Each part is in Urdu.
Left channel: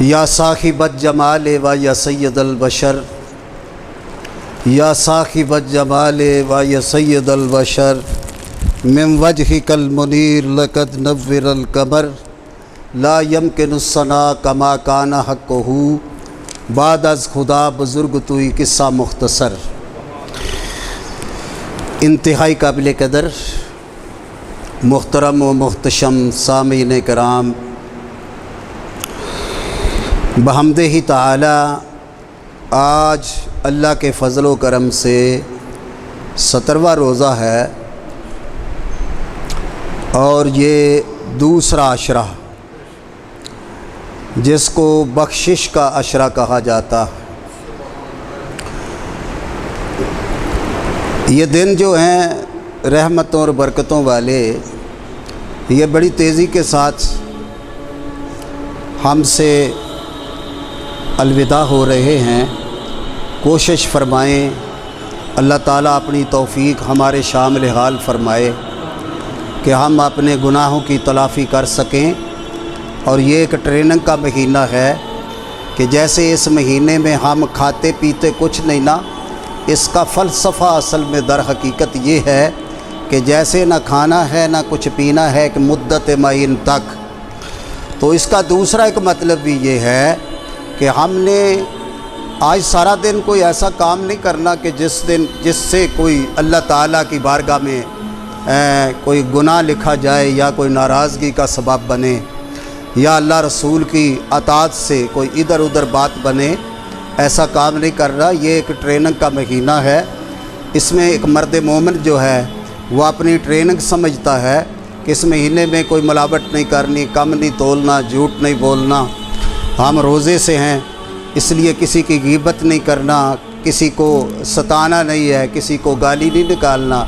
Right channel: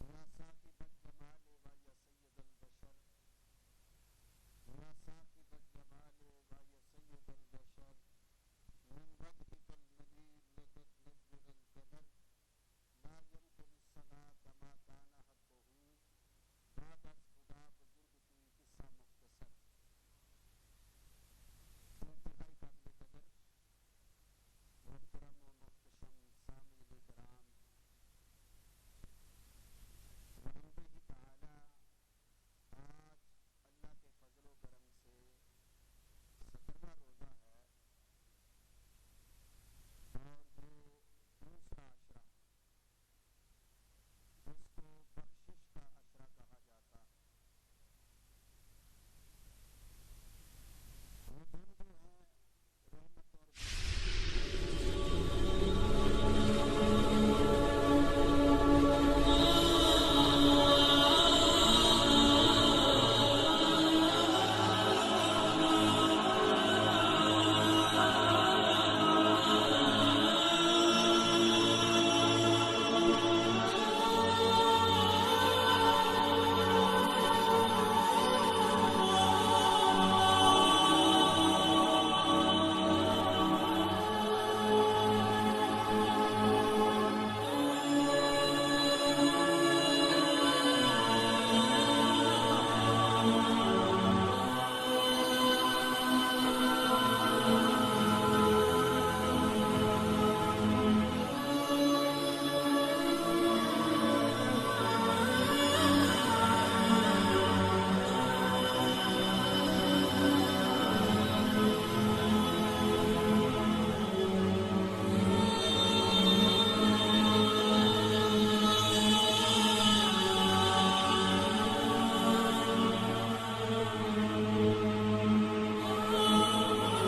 یا صاحب الجمال و یا سید البشر، یا صاحب الجمال و یا سید البشر، من وجهک المنیر لقد نور القمر، لا یمکن الثناء کما کان حقہ، بعد از خدا بزرگ توئی قصہ مختصر۔ انتہائی قابل قدر محترم و محتشم سامعین کرام، بحمدہ ہی تعالی آج اللہ کے فضل و کرم سے 17واں روزہ ہے اور یہ دوسرا عشرہ جس کو بخشش کا عشرہ کہا جاتا ہے۔ یہ دن جو ہیں رحمتوں اور برکتوں والے، یہ بڑی تیزی کے ساتھ ہم سے الوداع ہو رہے ہیں۔ کوشش فرمائیں اللہ تعالیٰ اپنی توفیق ہمارے شامل حال فرمائے کہ ہم اپنے گناہوں کی تلافی کر سکیں، اور یہ ایک ٹریننگ کا مہینہ ہے کہ جیسے اس مہینے میں ہم کھاتے پیتے کچھ نہیں نا، اس کا فلسفہ اصل میں در حقیقت یہ ہے کہ جیسے نہ کھانا ہے نہ کچھ پینا ہے کہ مدت معین تک، تو اس کا دوسرا ایک مطلب بھی یہ ہے کہ ہم نے آج سارا دن کوئی ایسا کام نہیں کرنا کہ جس سے کوئی اللہ تعالیٰ کی بارگاہ میں کوئی گناہ لکھا جائے یا کوئی ناراضگی کا سبب بنے یا اللہ رسول کی اطاعت سے کوئی ادھر ادھر بات بنے۔ ایسا کام نہیں کر رہا، یہ ایک ٹریننگ کا مہینہ ہے۔ اس میں ایک مرد مومن جو ہے وہ اپنی ٹریننگ سمجھتا ہے کہ اس مہینے میں کوئی ملاوٹ نہیں کرنی، کم نہیں تولنا، جھوٹ نہیں بولنا، ہم روزے سے ہیں اس لیے کسی کی غیبت نہیں کرنا، کسی کو ستانا نہیں ہے، کسی کو گالی نہیں نکالنا،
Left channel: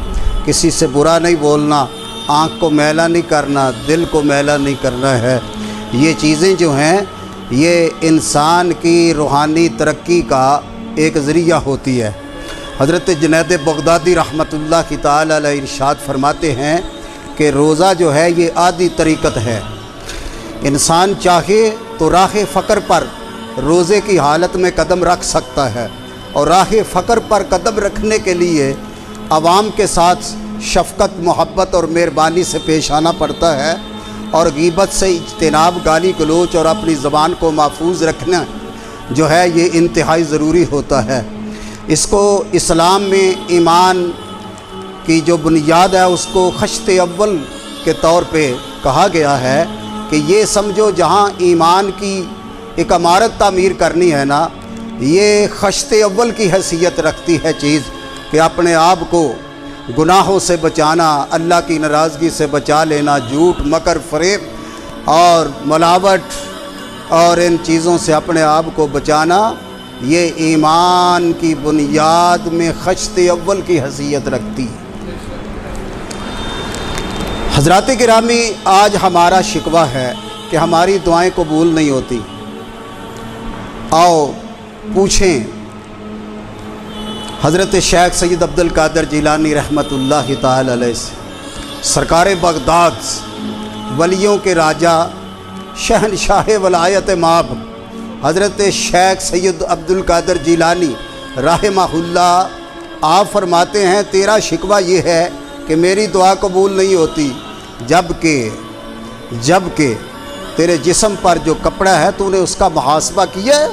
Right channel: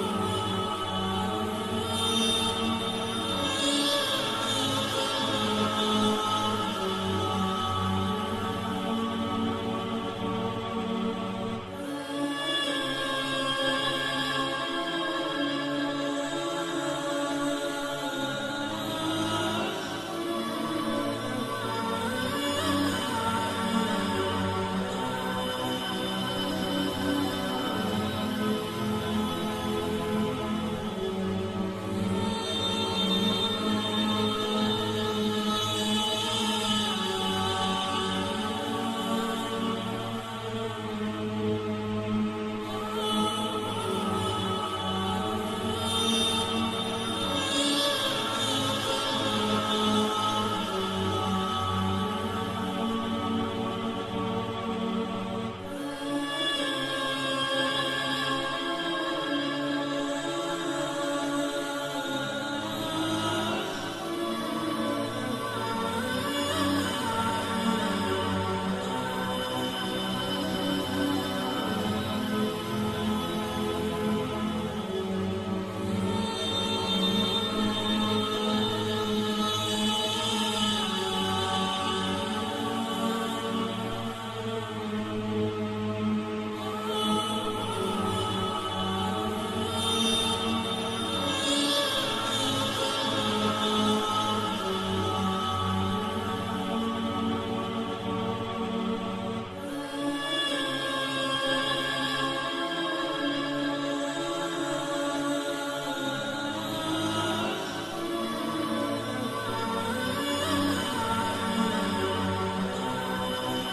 کسی سے برا نہیں بولنا، آنکھ کو میلا نہیں کرنا، دل کو میلا نہیں کرنا ہے۔ یہ چیزیں جو ہیں یہ انسان کی روحانی ترقی کا ایک ذریعہ ہوتی ہے۔ حضرت جنید بغدادی رحمۃ اللہ کی تعالی علیہ ارشاد فرماتے ہیں کہ روزہ جو ہے یہ عادی طریقت ہے۔ انسان چاہے تو راہ فقر پر روزے کی حالت میں قدم رکھ سکتا ہے، اور راہ فقر پر قدم رکھنے کے لیے عوام کے ساتھ شفقت، محبت اور مہربانی سے پیش آنا پڑتا ہے، اور غیبت سے اجتناب، گالی گلوچ اور اپنی زبان کو محفوظ رکھنا جو ہے یہ انتہائی ضروری ہوتا ہے۔ اس کو اسلام میں ایمان کی جو بنیاد ہے اس کو خشت اول کے طور پہ کہا گیا ہے کہ یہ سمجھو جہاں ایمان کی ایک عمارت تعمیر کرنی ہے نا، یہ خشت اول کی حیثیت رکھتی ہے چیز کہ اپنے آپ کو گناہوں سے بچانا، اللہ کی ناراضگی سے بچا لینا، جھوٹ، مکر، فریب اور ملاوٹ اور ان چیزوں سے اپنے آپ کو بچانا، یہ ایمان کی بنیاد میں خشت اول کی حیثیت رکھتی ہے۔ حضرات گرامی، آج ہمارا شکوہ ہے کہ ہماری دعائیں قبول نہیں ہوتی۔ آؤ پوچھیں حضرت شیخ سید عبد القادر جیلانی رحمۃ اللہ تعالی علیہ سے، سرکار بغداد، ولیوں کے راجہ، شہنشاہ ولایت مآب حضرت شیخ سید عبد القادر جیلانی رحمہ اللہ، آپ فرماتے ہیں تیرا شکوہ یہ ہے کہ میری دعا قبول نہیں ہوتی، جبکہ تیرے جسم پر جو کپڑا ہے تو نے اس کا محاسبہ کیا ہے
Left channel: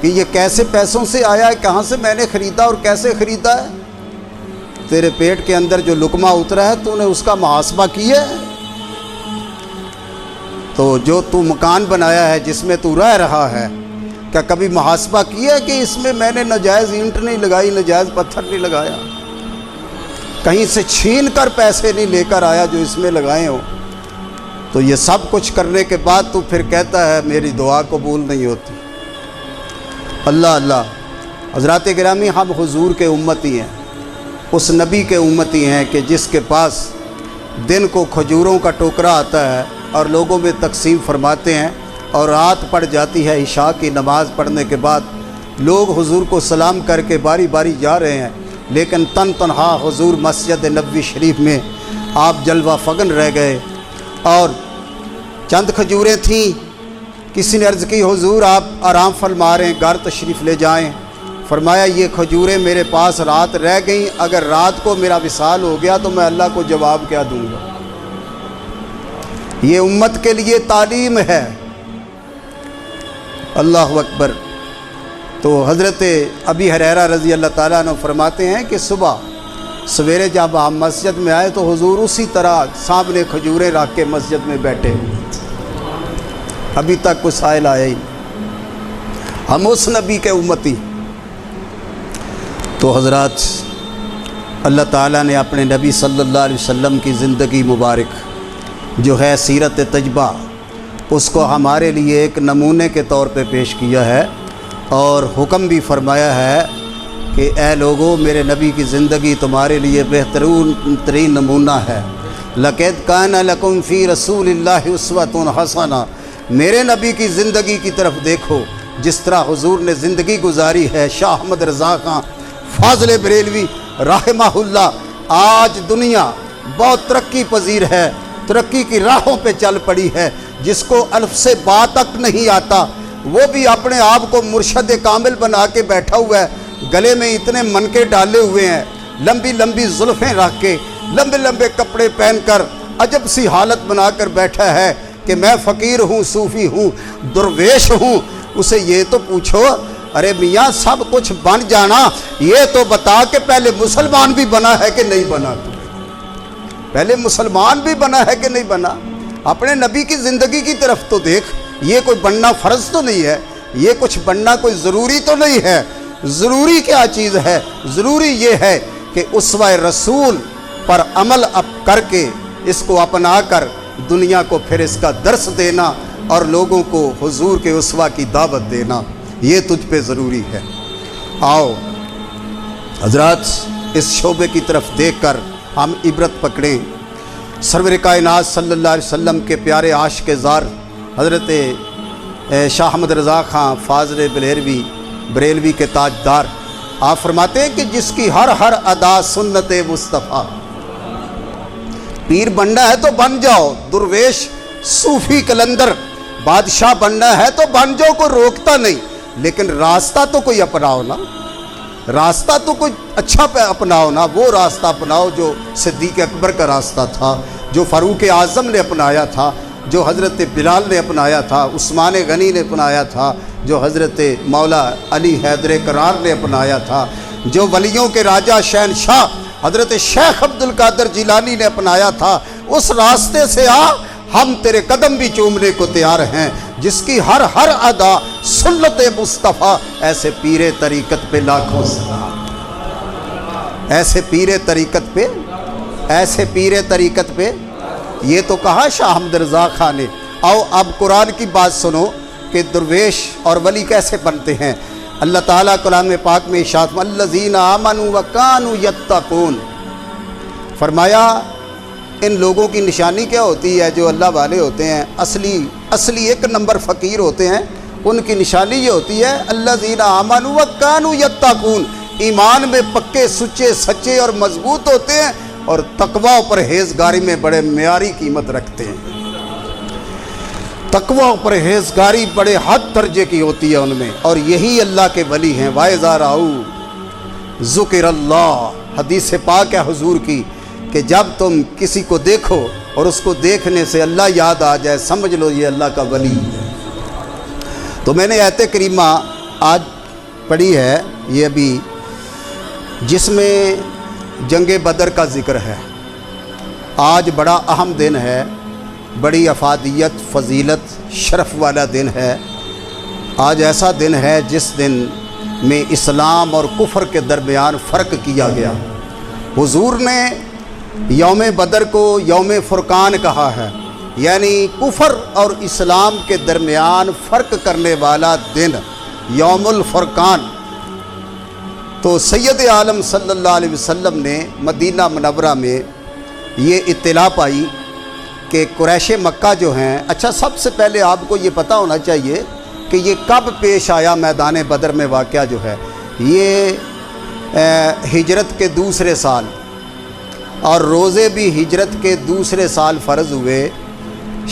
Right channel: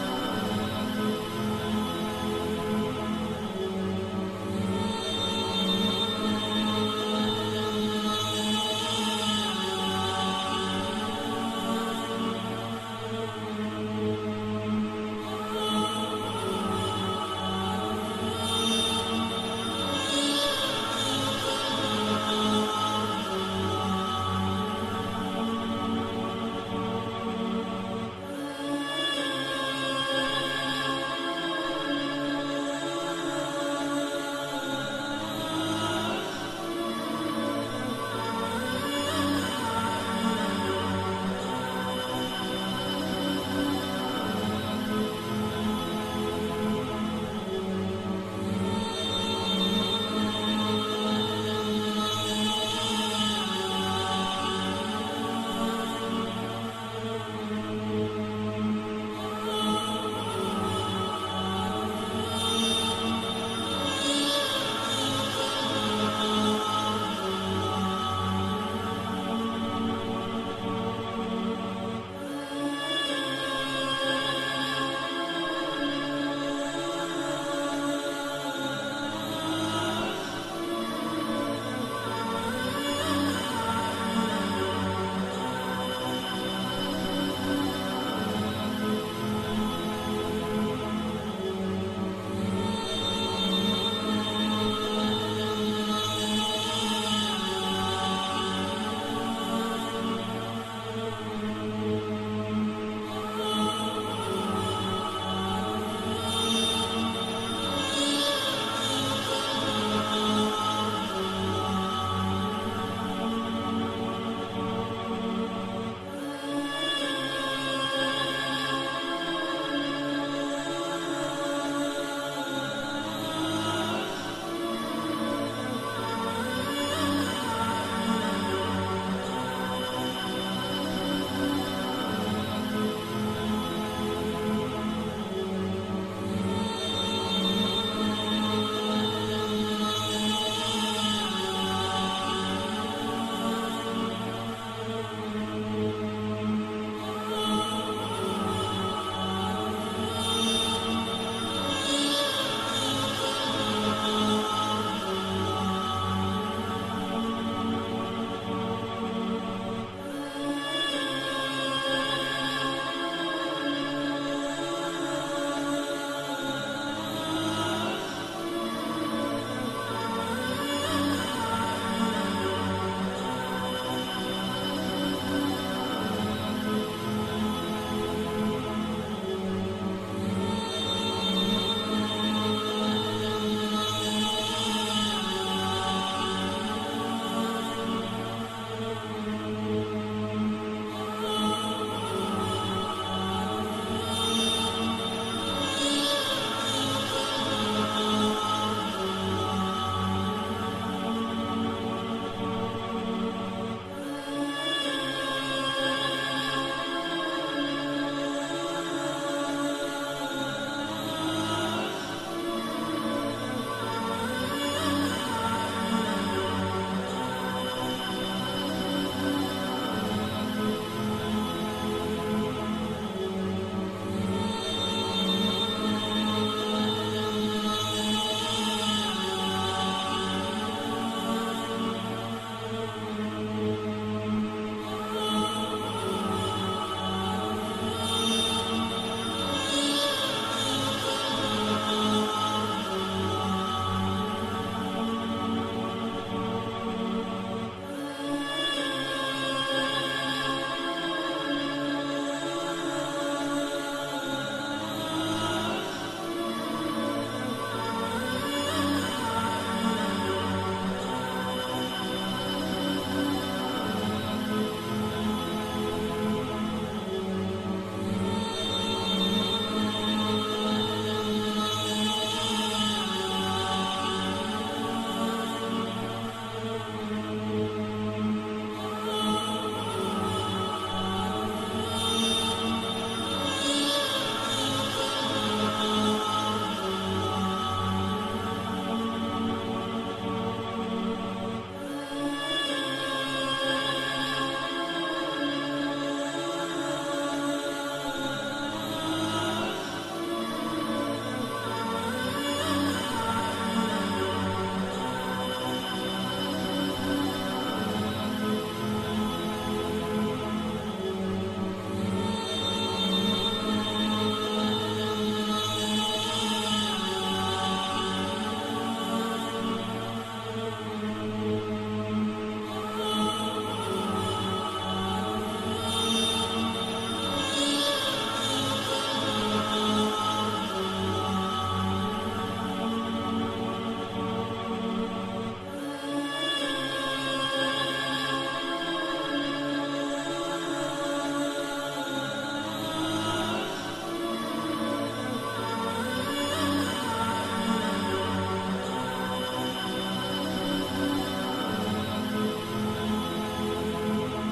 کہ یہ کیسے پیسوں سے آیا ہے، کہاں سے میں نے خریدا اور کیسے خریدا ہے؟ تیرے پیٹ کے اندر جو لقمہ اترا ہے تو نے اس کا محاسبہ کیا ہے؟ تو جو تو مکان بنایا ہے جس میں تو رہ رہا ہے، کیا کبھی محاسبہ کیا ہے کہ اس میں میں نے ناجائز اینٹ نہیں لگائی، ناجائز پتھر نہیں لگایا، کہیں سے چھین کر پیسے نہیں لے کر آیا جو اس میں لگائے ہوں؟ تو یہ سب کچھ کرنے کے بعد تو پھر کہتا ہے میری دعا قبول نہیں ہوتی۔ اللہ اللہ، حضرات گرامی، ہم حضور کے امتی ہیں، اس نبی کے امتی ہیں کہ جس کے پاس دن کو کھجوروں کا ٹوکرا آتا ہے اور لوگوں میں تقسیم فرماتے ہیں، اور رات پڑ جاتی ہے، عشاء کی نماز پڑھنے کے بعد لوگ حضور کو سلام کر کے باری باری جا رہے ہیں، لیکن تنہا حضور مسجد نبوی شریف میں آپ جلوہ فگن رہ گئے، اور چند کھجوریں تھیں کسی نے عرض کی حضور آپ آرام فرما رہے ہیں، گھر تشریف لے جائیں۔ فرمایا یہ کھجوریں میرے پاس رات رہ گئیں، اگر رات کو میرا وصال ہو گیا تو میں اللہ کو جواب کیا دوں گا؟ یہ امت کے لیے تعلیم ہے۔ اللہ اکبر۔ تو حضرت ابی ہریرہ رضی اللہ تعالیٰ عنہ فرماتے ہیں کہ صبح سویرے جب ہم مسجد میں آئے تو حضور اسی طرح سامنے کھجوریں رکھ کے مسجد میں بیٹھے، ابھی تک کوئی سائل آیا ہی۔ ہم اس نبی کے امتی۔ تو حضرات، اللہ تعالیٰ نے اپنے نبی صلی اللہ علیہ وسلم کی زندگی مبارک جو ہے سیرت تجبہ، اس کو ہمارے لیے ایک نمونے کے طور پہ پیش کیا ہے، اور حکم بھی فرمایا ہے کہ اے لوگو، میرے نبی کی زندگی تمہارے لیے بہترین ترین نمونہ ہے۔ لَقَدْ كَانَ لَكُمْ فِي رَسُولِ اللَّهِ أُسْوَةٌ حَسَنَةٌ۔ میرے نبی کی زندگی کی طرف دیکھو، جس طرح حضور نے زندگی گزاری ہے۔ شاہ احمد رضا خان فاضل بریلوی رحمہ اللہ، آج دنیا بہت ترقی پذیر ہے، ترقی کی راہوں پہ چل پڑی ہے، جس کو الف سے با تک نہیں آتا وہ بھی اپنے آپ کو مرشد کامل بنا کے بیٹھا ہوا ہے، گلے میں اتنے منکے ڈالے ہوئے ہیں، لمبی لمبی زلفیں رکھ کے، لمبے لمبے کپڑے پہن کر عجب سی حالت بنا کر بیٹھا ہے کہ میں فقیر ہوں، صوفی ہوں، درویش ہوں۔ اسے یہ تو پوچھو، ارے میاں سب کچھ بن جانا، یہ تو بتا کہ پہلے مسلمان بھی بنا ہے کہ نہیں بنا؟ پہلے مسلمان بھی بنا ہے کہ نہیں بنا؟ اپنے نبی کی زندگی کی طرف تو دیکھ۔ یہ کوئی بننا فرض تو نہیں ہے، یہ کچھ بننا کوئی ضروری تو نہیں ہے۔ ضروری کیا چیز ہے؟ ضروری یہ ہے کہ اسوہ رسول پر عمل کر کے، اس کو اپنا کر دنیا کو پھر اس کا درس دینا اور لوگوں کو حضور کے اسوہ کی دعوت دینا، یہ تجھ پہ ضروری ہے۔ آؤ حضرات، اس شعبے کی طرف دیکھ کر ہم عبرت پکڑیں۔ سرور کائنات صلی اللہ علیہ وسلم کے پیارے عاشق زار حضرت شاہ احمد رضا خان فاضل بریلوی کے تاجدار، آپ فرماتے ہیں کہ جس کی ہر ہر ادا سنت مصطفیٰ۔ پیر بننا ہے تو بن جاؤ، درویش، صوفی، کلندر، بادشاہ بننا ہے تو بن جاؤ، کوئی روکتا نہیں، لیکن راستہ تو کوئی اپناؤ نا، راستہ تو کوئی اچھا اپناؤ نا۔ وہ راستہ اپناؤ جو صدیق اکبر کا راستہ تھا، جو فاروق اعظم نے اپنایا تھا، جو حضرت بلال نے اپنایا تھا، عثمان غنی نے اپنایا تھا، جو حضرت مولا علی حیدر کرار نے اپنایا تھا، جو ولیوں کے راجہ شہنشاہ حضرت شیخ عبد القادر جیلانی نے اپنایا تھا۔ اس راستے سے آ، ہم تیرے قدم بھی چومنے کو تیار ہیں۔ جس کی ہر ہر ادا سنت مصطفیٰ، ایسے پیر طریقت پہ لاکھوں سلام، ایسے پیر طریقت پہ، ایسے پیر طریقت پہ۔ یہ تو کہا شاہ احمد رضا خان نے۔ آؤ اب قرآن کی بات سنو کہ درویش اور ولی کیسے بنتے ہیں۔ اللہ تعالیٰ کلام پاک میں ارشاد الذین آمنوا وکانوا یتقون، فرمایا ان لوگوں کی نشانی کیا ہوتی ہے جو اللہ والے ہوتے ہیں، اصلی ایک نمبر فقیر ہوتے ہیں، ان کی نشانی یہ ہوتی ہے الذین آمنوا وکانوا یتقون، ایمان میں پکے، سچے، سچے اور مضبوط ہوتے ہیں، اور تقوی اور پرہیزگاری میں بڑے معیاری قیمت رکھتے ہیں۔ تقوی اور پرہیزگاری بڑے حد درجے کی ہوتی ہے ان میں، اور یہی اللہ کے ولی ہیں۔ وَإِذَا رَأَوْا ذُكِرَ اللَّهُ، حدیث پاک ہے حضور کی کہ جب تم کسی کو دیکھو اور اس کو دیکھنے سے اللہ یاد آ جائے، سمجھ لو یہ اللہ کا ولی ہے۔ تو میں نے آیت کریمہ آج پڑھی ہے، یہ ابھی، جس میں جنگ بدر کا ذکر ہے۔ آج بڑا اہم دن ہے، بڑی افادیت، فضیلت، شرف والا دن ہے۔ آج ایسا دن ہے جس دن میں اسلام اور کفر کے درمیان فرق کیا گیا۔ حضور نے یوم بدر کو یوم فرقان کہا ہے، یعنی کفر اور اسلام کے درمیان فرق کرنے والا دن، یوم الفرقان۔ تو سید عالم صلی اللہ علیہ وسلم نے مدینہ منورہ میں یہ اطلاع پائی کہ قریش مکہ جو ہیں، اچھا سب سے پہلے آپ کو یہ پتہ ہونا چاہیے کہ یہ کب پیش آیا میدان بدر میں واقعہ جو ہے، یہ ہجرت کے دوسرے سال، اور روزے بھی ہجرت کے دوسرے سال فرض ہوئے،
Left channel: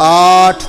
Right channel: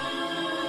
8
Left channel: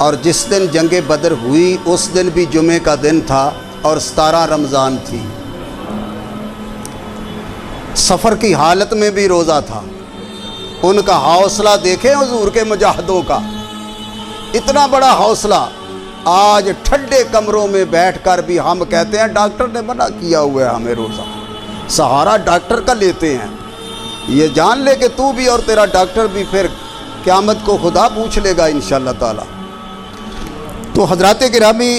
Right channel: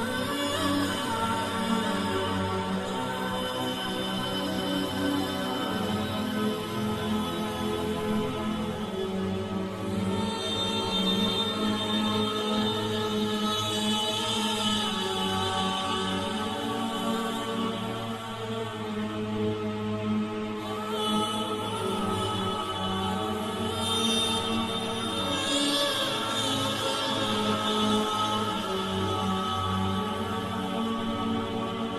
اور جس دن جنگ بدر ہوئی اس دن بھی جمعے کا دن تھا اور 17 رمضان تھی، سفر کی حالت میں بھی روزہ تھا۔ ان کا حوصلہ دیکھیں حضور کے مجاہدوں کا، اتنا بڑا حوصلہ۔ آج ٹھنڈے کمروں میں بیٹھ کر بھی ہم کہتے ہیں ڈاکٹر نے منع کیا ہوا ہے ہمیں روزہ، سہارا ڈاکٹر کا لیتے ہیں۔ یہ جان لے کہ تو بھی اور تیرا ڈاکٹر بھی پھر قیامت کو خدا پوچھ لے گا انشاءاللہ تعالی۔ تو حضرات گرامی،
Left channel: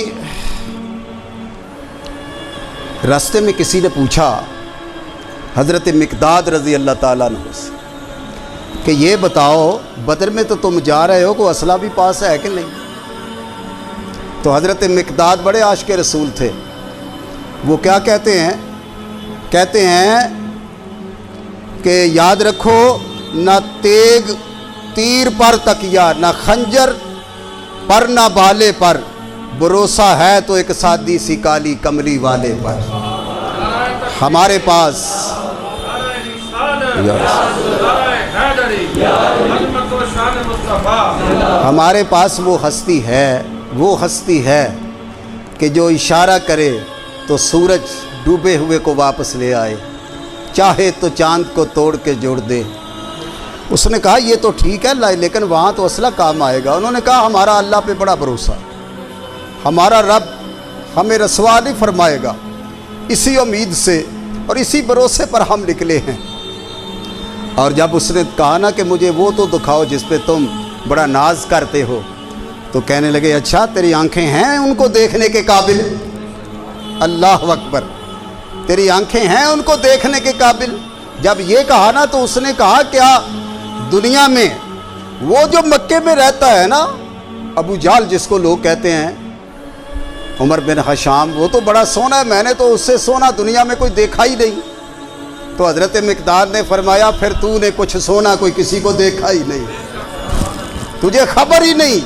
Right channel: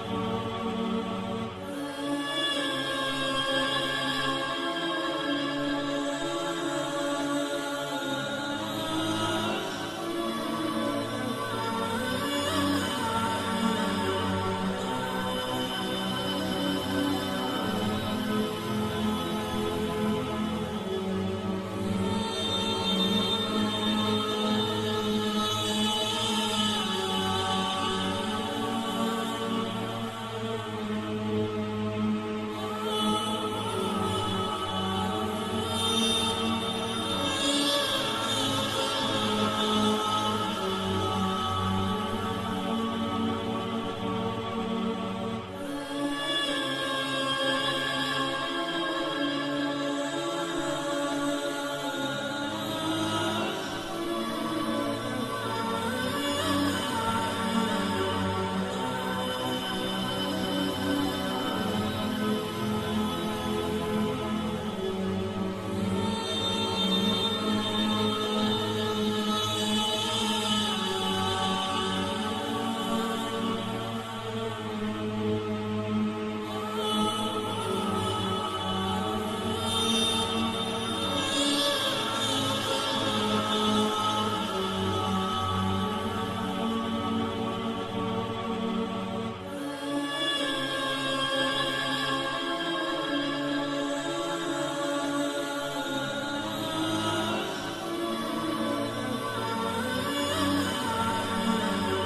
راستے میں کسی نے پوچھا حضرت مقداد رضی اللہ تعالیٰ عنہ سے کہ یہ بتاؤ بدر میں تو تم جا رہے ہو، کوئی اسلحہ بھی پاس ہے کہ نہیں؟ تو حضرت مقداد بڑے عاشق رسول تھے، وہ کیا کہتے ہیں؟ کہتے ہیں کہ یاد رکھو نہ تیگ تیر پر تکیا، نہ خنجر پر نہ بالے پر، بھروسہ ہے تو ایک سادی سی کالی کملی والے پر۔ ہمارے پاس ہمارے پاس وہ ہستی ہے کہ جو اشارہ کرے تو سورج ڈوبے ہوئے کو واپس لے آئے، چاہے تو چاند کو توڑ کے جوڑ دے۔ اس نے کہا یہ تو ٹھیک ہے لیکن وہاں تو اسلحہ کام آئے گا۔ انہوں نے کہا ہمارا اللہ پہ بڑا بھروسہ، ہمارا رب ہمیں رسوا نہیں فرمائے گا، اسی امید سے اور اسی بھروسے پر ہم نکلے ہیں۔ اور جب اس نے کہا نا کہ مجھے وہ تو دکھاؤ جس پہ تم بڑا ناز کرتے ہو، تو کہنے لگے اچھا تیری آنکھیں ہیں ان کو دیکھنے کے قابل؟ اللہ اکبر، تیری آنکھیں ہیں ان کو دیکھنے کے قابل؟ جب یہ کہا نا تو اس نے کہا کیا دنیا میں وہ جو مکے میں رہتا ہے نا ابو جہل جس کو لوگ کہتے ہیں، عمر بن حشام، وہ تو بڑا سونا ہے، میں نے تو اس سے سونا دنیا میں کوئی دیکھا ہی نہیں۔ تو حضرت مقداد نے فرمایا پھر تو نے کچھ سونا کوئی کسی کو دیکھا ہی نہیں، تجھے خبر ہی نہیں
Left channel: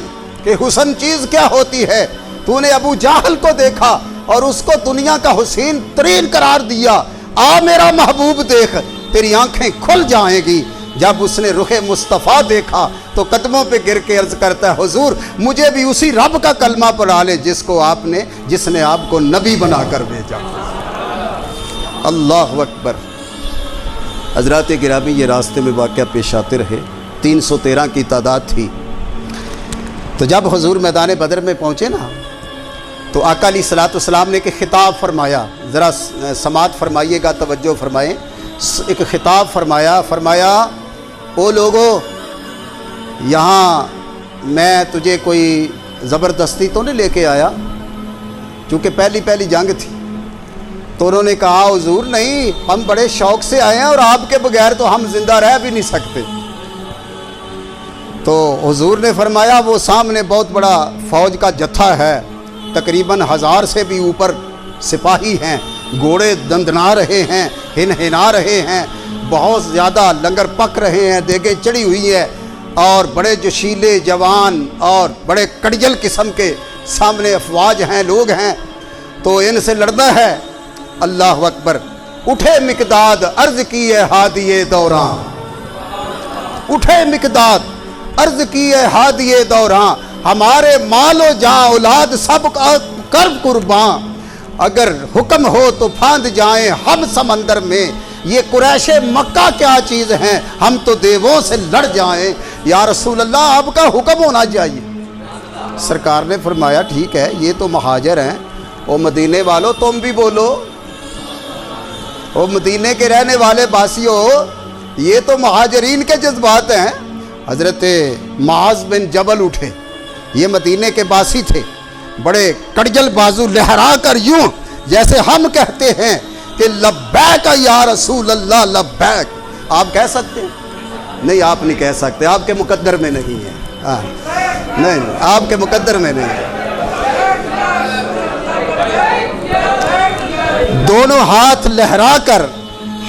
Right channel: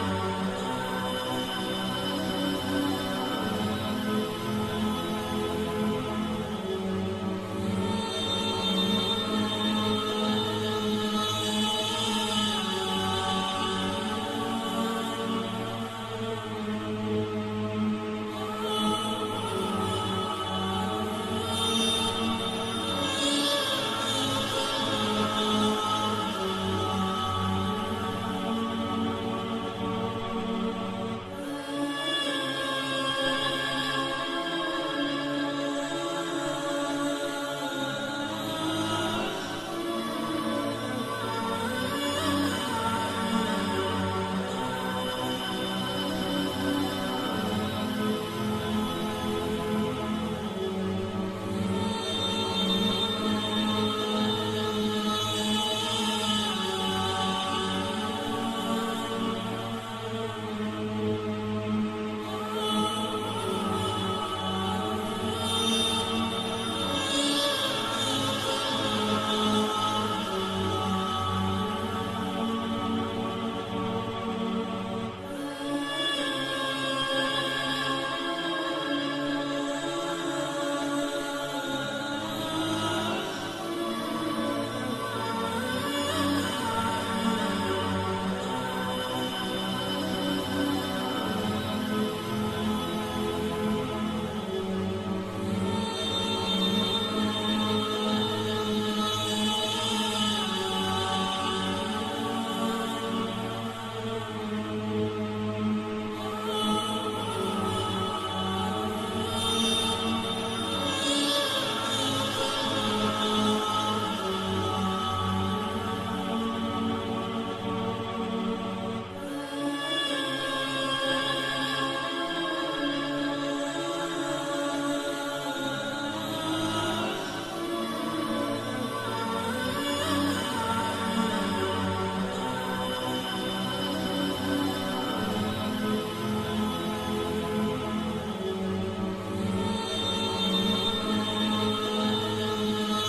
کہ حسن چیز کیا ہوتی ہے۔ تو نے ابو جہل کو دیکھا اور اس کو دنیا کا حسین ترین قرار دیا۔ آ میرا محبوب دیکھ، تیری آنکھیں کھل جائیں گی۔ جب اس نے رخ مصطفیٰ دیکھا تو قدموں پہ گر کے عرض کرتا ہے حضور مجھے بھی اسی رب کا کلمہ پڑھا لے جس نے آپ کو نبی بنا کر بھیجا۔ اللہ اکبر۔ حضرات گرامی، یہ راستے میں واقعہ پیش آتے رہے، 313 کی تعداد تھی۔ تو جب حضور میدان بدر میں پہنچے نا تو آقا علیہ الصلوۃ والسلام نے ایک خطاب فرمایا، ذرا سماعت فرمائیے گا، توجہ فرمائیں۔ ایک خطاب فرمایا او لوگو، یہاں میں تجھے کوئی زبردستی تو نہیں لے کے آیا، چونکہ پہلی جنگ تھی۔ تو انہوں نے کہا حضور نہیں، ہم بڑے شوق سے آئے ہیں اور آپ کے بغیر تو ہم زندہ رہ بھی نہیں سکتے۔ تو حضور نے فرمایا وہ سامنے بہت بڑا فوج کا جتھا ہے، تقریباً 1000 سے بھی اوپر سپاہی ہیں، گھوڑے دندنا رہے ہیں، ہنہنا رہے ہیں، بہت زیادہ لنگر پک رہے ہیں، دیگیں چڑھی ہوئی ہے، اور بڑے جوشیلے جوان اور بڑے کڑجل قسم کے سامنے افواج ہیں، لوگ ہیں، تو ان سے لڑنا ہے۔ اللہ اکبر۔ اٹھے مقداد عرض کیے ہادیے دوراں، اٹھے مقداد عرض کیے ہادیے دوراں، ہمارے مال و جاں اولاد سب کر قرباں، اگر حکم ہو تو پھاند جائیں ہم سمندر میں، یہ قریش مکہ کیا چیز ہیں، ہم تو دیووں سے لڑ جائیں۔ یا رسول اللہ آپ کا حکم ہونا چاہیے۔ سرکار نے فرمایا ٹھیک ہے، یہ تو مہاجر ہیں، وہ مدینے والوں تم بھی بولو، وہ مدینے کے رہنے والے باسیوں، یہ تو مہاجرین کے جذبات ہیں۔ حضرت معاذ بن جبل اٹھے، یہ مدینے کے باسی تھے، بڑے کڑجل بازو لہرا کر یوں جیسے ہم کہتے ہیں کہ لبیک یا رسول اللہ لبیک۔ آپ کہہ سکتے ہیں؟ نہیں، آپ نہیں کہہ سکتے، آپ کے مقدر میں نہیں ہے۔ نہیں، آپ کے مقدر میں نہیں ہے۔ دونوں ہاتھ لہرا کر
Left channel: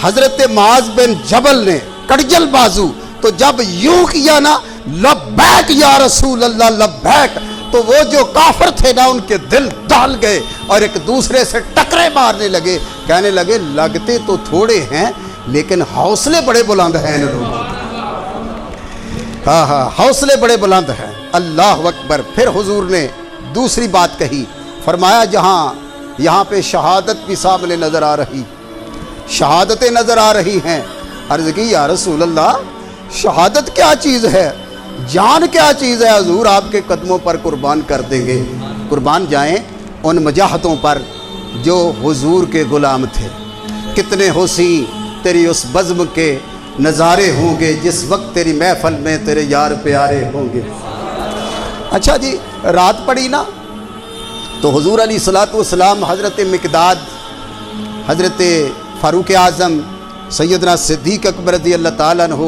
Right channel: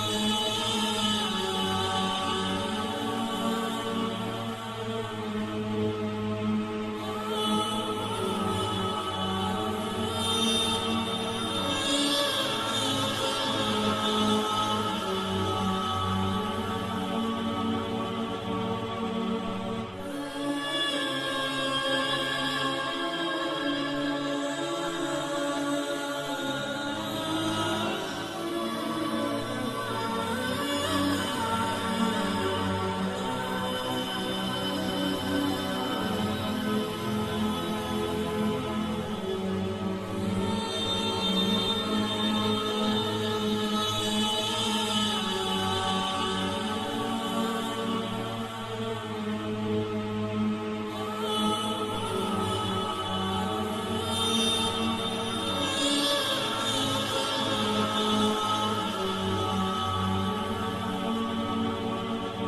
حضرت معاذ بن جبل نے کڑجل بازو تو جب یوں کیا نا لبیک یا رسول اللہ لبیک، تو وہ جو کافر تھے نا ان کے دل ڈال گئے اور ایک دوسرے سے ٹکرے مارنے لگے، کہنے لگے لگتے تو تھوڑے ہیں لیکن حوصلے بڑے بلند ہیں ان لوگوں۔ ہاں ہاں حوصلے بڑے بلند ہیں. اللہ اکبر. پھر حضور نے دوسری بات کہی, فرمایا یہاں پہ شہادت بھی سامنے نظر آ رہی, شہادتیں نظر آ رہی ہیں. عرض کی یا رسول اللہ شہادت کیا چیز ہے, جان کیا چیز ہے؟ حضور آپ کے قدموں پر قربان کر دیں گے. قربان جائیں ان مجاہدوں پر جو حضور کے غلام تھے. کتنے حسین تیری اس بزم کے نظارے ہوں گے جس وقت تیری محفل میں تیرے یار پیارے ہوں گے. اچھا جی, رات پڑی نا تو حضور علیہ الصلوۃ والسلام حضرت مقداد, حضرت فاروق اعظم, سیدنا صدیق اکبر رضی اللہ تعالیٰ عنہ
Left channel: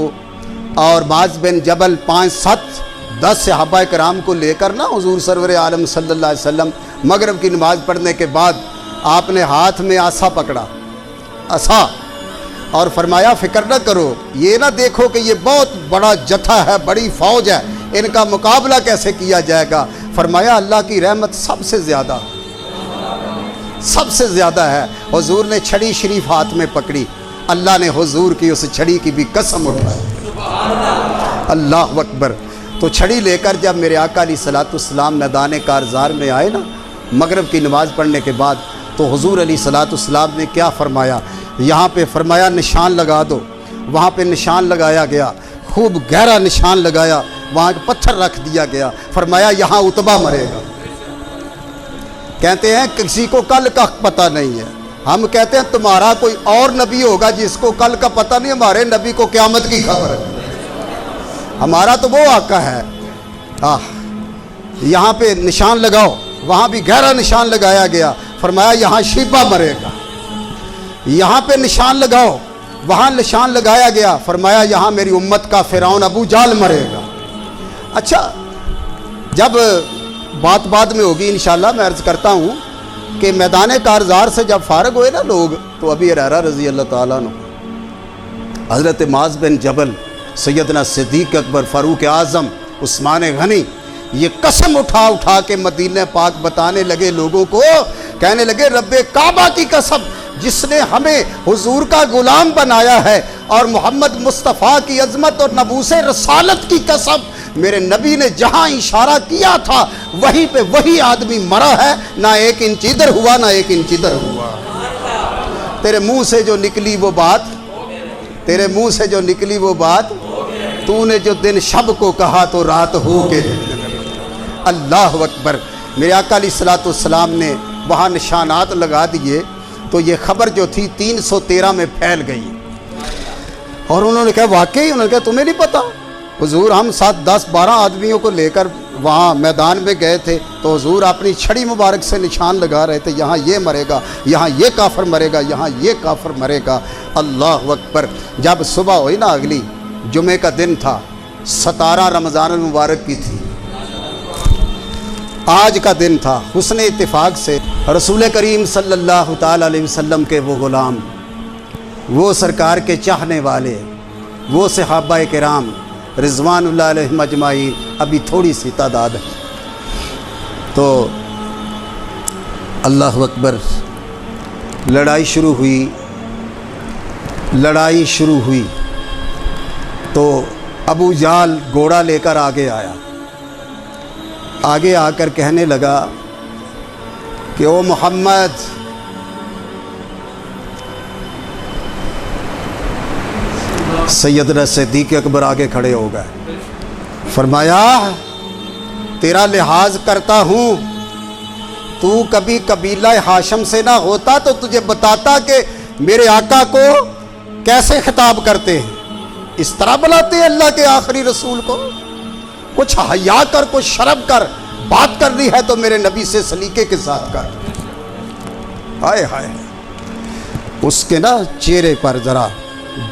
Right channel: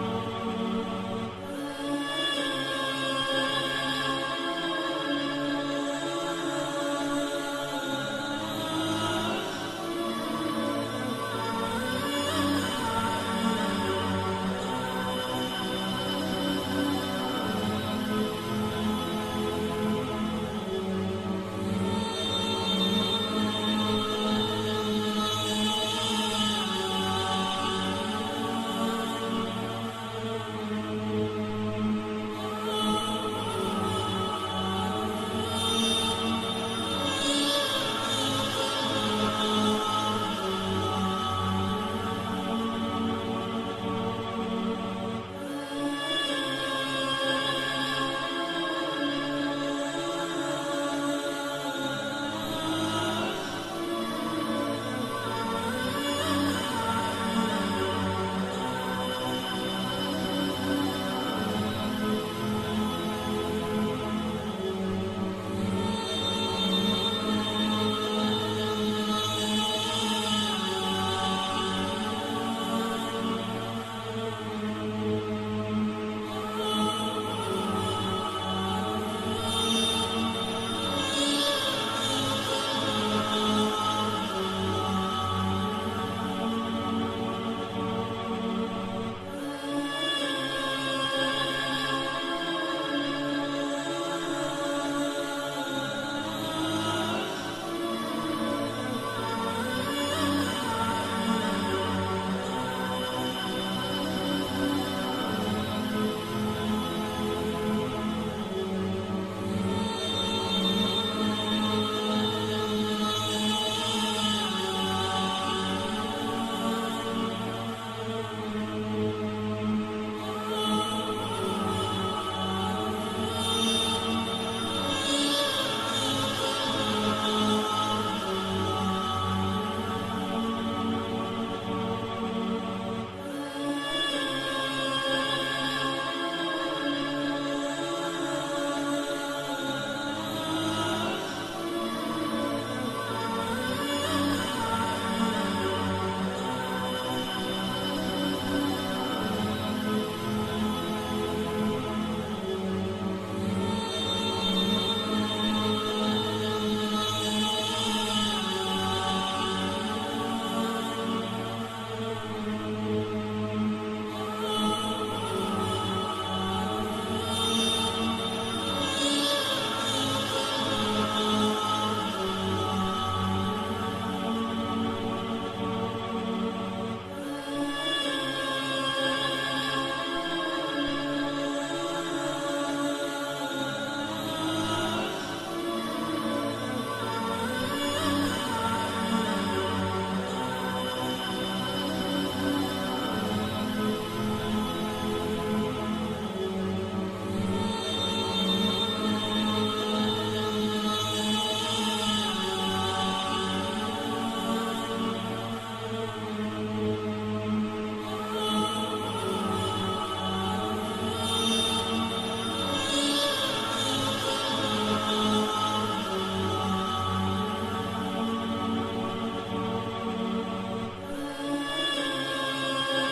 اور معاذ بن جبل 5-7-10 صحابہ کرام کو لے کر نا حضور سرور عالم صلی اللہ علیہ وسلم مغرب کی نماز پڑھنے کے بعد آپ نے ہاتھ میں عصا پکڑا, عصا, اور فرمایا فکر نہ کرو, یہ نہ دیکھو کہ یہ بہت بڑا جتھا ہے, بڑی فوج ہے, ان کا مقابلہ کیسے کیا جائے گا. فرمایا اللہ کی رحمت سب سے زیادہ ہے. حضور نے چھڑی شریف ہاتھ میں پکڑی, اللہ نے حضور کی اس چھڑی کی بھی قسم اٹھائی. اللہ اکبر. تو چھڑی لے کر جب میرے آقا علیہ الصلوۃ والسلام میدان کارزار میں آئے نا مغرب کی نماز پڑھنے کے بعد, تو حضور علیہ الصلوۃ والسلام نے کیا فرمایا, یہاں پہ فرمایا نشان لگا دو. وہاں پہ نشان لگایا گیا, خوب گہرا نشان لگایا, وہاں پتھر رکھ دیا گیا. فرمایا یہاں عتبہ مرے گا. کہتے ہیں کسی کو کل کا پتہ نہیں ہے, ہم کہتے ہیں تمہارا کوئی اور نبی ہوگا جس کو کل کا پتہ نہیں, ہمارے نبی کو قیامت کی خبر ہے. ہمارا تو وہ آقا ہے. یہاں پہ نشان لگاؤ, وہاں بھی گہرا نشان لگایا گیا. فرمایا یہاں شیبہ مرے گا. یہاں پہ نشان لگاؤ, وہاں نشان لگایا گیا. فرمایا یہاں میری امت کا فرعون ابو جہل مرے گا. اچھا, جب بات میں ہوگی انشاءاللہ, میں عرض کرتا ہوں کہ میدان کارزار سے جب فارغ ہوئے نا لوگ, تو ابی ہریرہ رضی اللہ تعالیٰ عنہ, حضرت معاذ بن جبل, سیدنا صدیق اکبر, فاروق اعظم, عثمان غنی, یہ قسم اٹھا کے مدینہ پاک بتانے لگے لوگوں کو, کہنے لگے رب کعبہ کی قسم جس نے ہمیں حضور کا غلام بنایا ہے, اور محمد مصطفیٰ کی عظمت اور نبوت رسالت کی قسم, میرے نبی نے جہاں اشارہ کیا تھا وہیں پہ وہی آدمی مرا ہے, نہ ایک انچ ادھر ہوا نہ ایک انچ ادھر ہوا. تیرے منہ سے جو نکلی وہ بات, تو نے جو دن شب کو کہا تو رات ہو کے. اللہ اکبر. میرے آقا علیہ الصلوۃ والسلام نے وہاں نشانات لگا دیے, تو یہ خبر جو تھی 313 میں پھیل گئی. اور انہوں نے کہا واقعی, انہوں نے کہا تمہیں نہیں پتا, حضور ہم 7-10-12 آدمیوں کو لے کر وہاں میدان میں گئے تھے, تو حضور اپنی چھڑی مبارک سے نشان لگا رہے تھے, یہاں یہ مرے گا, یہاں یہ کافر مرے گا, یہاں یہ کافر مرے گا. اللہ اکبر. جب صبح ہوئی نا, اگلی جمعے کا دن تھا, 17 رمضان المبارک کی تھی, آج کا دن تھا. حسن اتفاق سے رسول کریم صلی اللہ تعالی علیہ وسلم کے وہ غلام, وہ سرکار کے چاہنے والے, وہ صحابہ کرام رضوان اللہ علیہم اجمعین, ابھی تھوڑی سی تعداد ہے. تو اللہ اکبر. لڑائی شروع ہوئی تو ابو جہل گھوڑا لے کر آگے آیا. آگے آ کر کہنے لگا کہ او محمد, سیدنا صدیق اکبر آگے کھڑے ہو گئے. فرمایا تیرا لحاظ کرتا ہوں, تو کبھی قبیلہ ہاشم سے نہ ہوتا تو تجھے بتاتا کہ میرے آقا کو کیسے خطاب کرتے ہیں. اس طرح بلاتے ہیں اللہ کے آخری رسول کو. کچھ حیا کر, کچھ شرم کر, بات کرنی ہے تو میرے نبی سے سلیقے کے ساتھ کر. ہائے ہائے. اس کے نا چہرے پر ذرا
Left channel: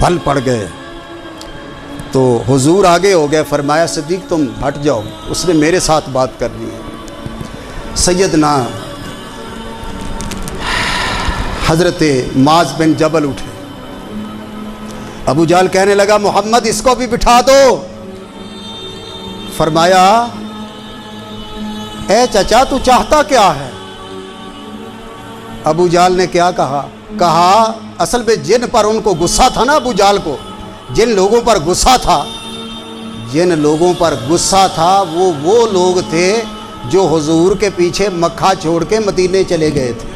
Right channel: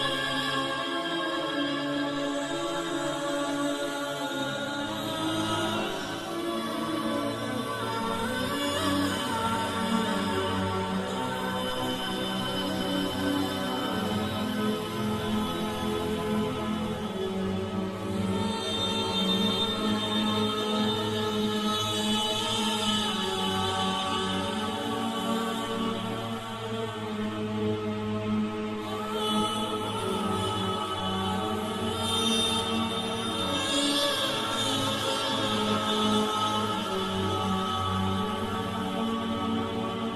بھل پڑ گئے. تو حضور آگے ہو گئے. فرمایا صدیق تم ہٹ جاؤ, اس نے میرے ساتھ بات کرنی ہے. سیدنا حضرت معاذ بن جبل اٹھے. ابو جہل کہنے لگا محمد اس کو بھی بٹھا دو. فرمایا اے چچا تو چاہتا کیا ہے؟ ابو جہل نے کیا کہا اصل میں جن پر ان کو غصہ تھا نا, ابو جہل کو جن لوگوں پر غصہ تھا, جن لوگوں پر غصہ تھا وہ لوگ تھے جو حضور کے پیچھے مکہ چھوڑ کے مدینے چلے گئے تھے۔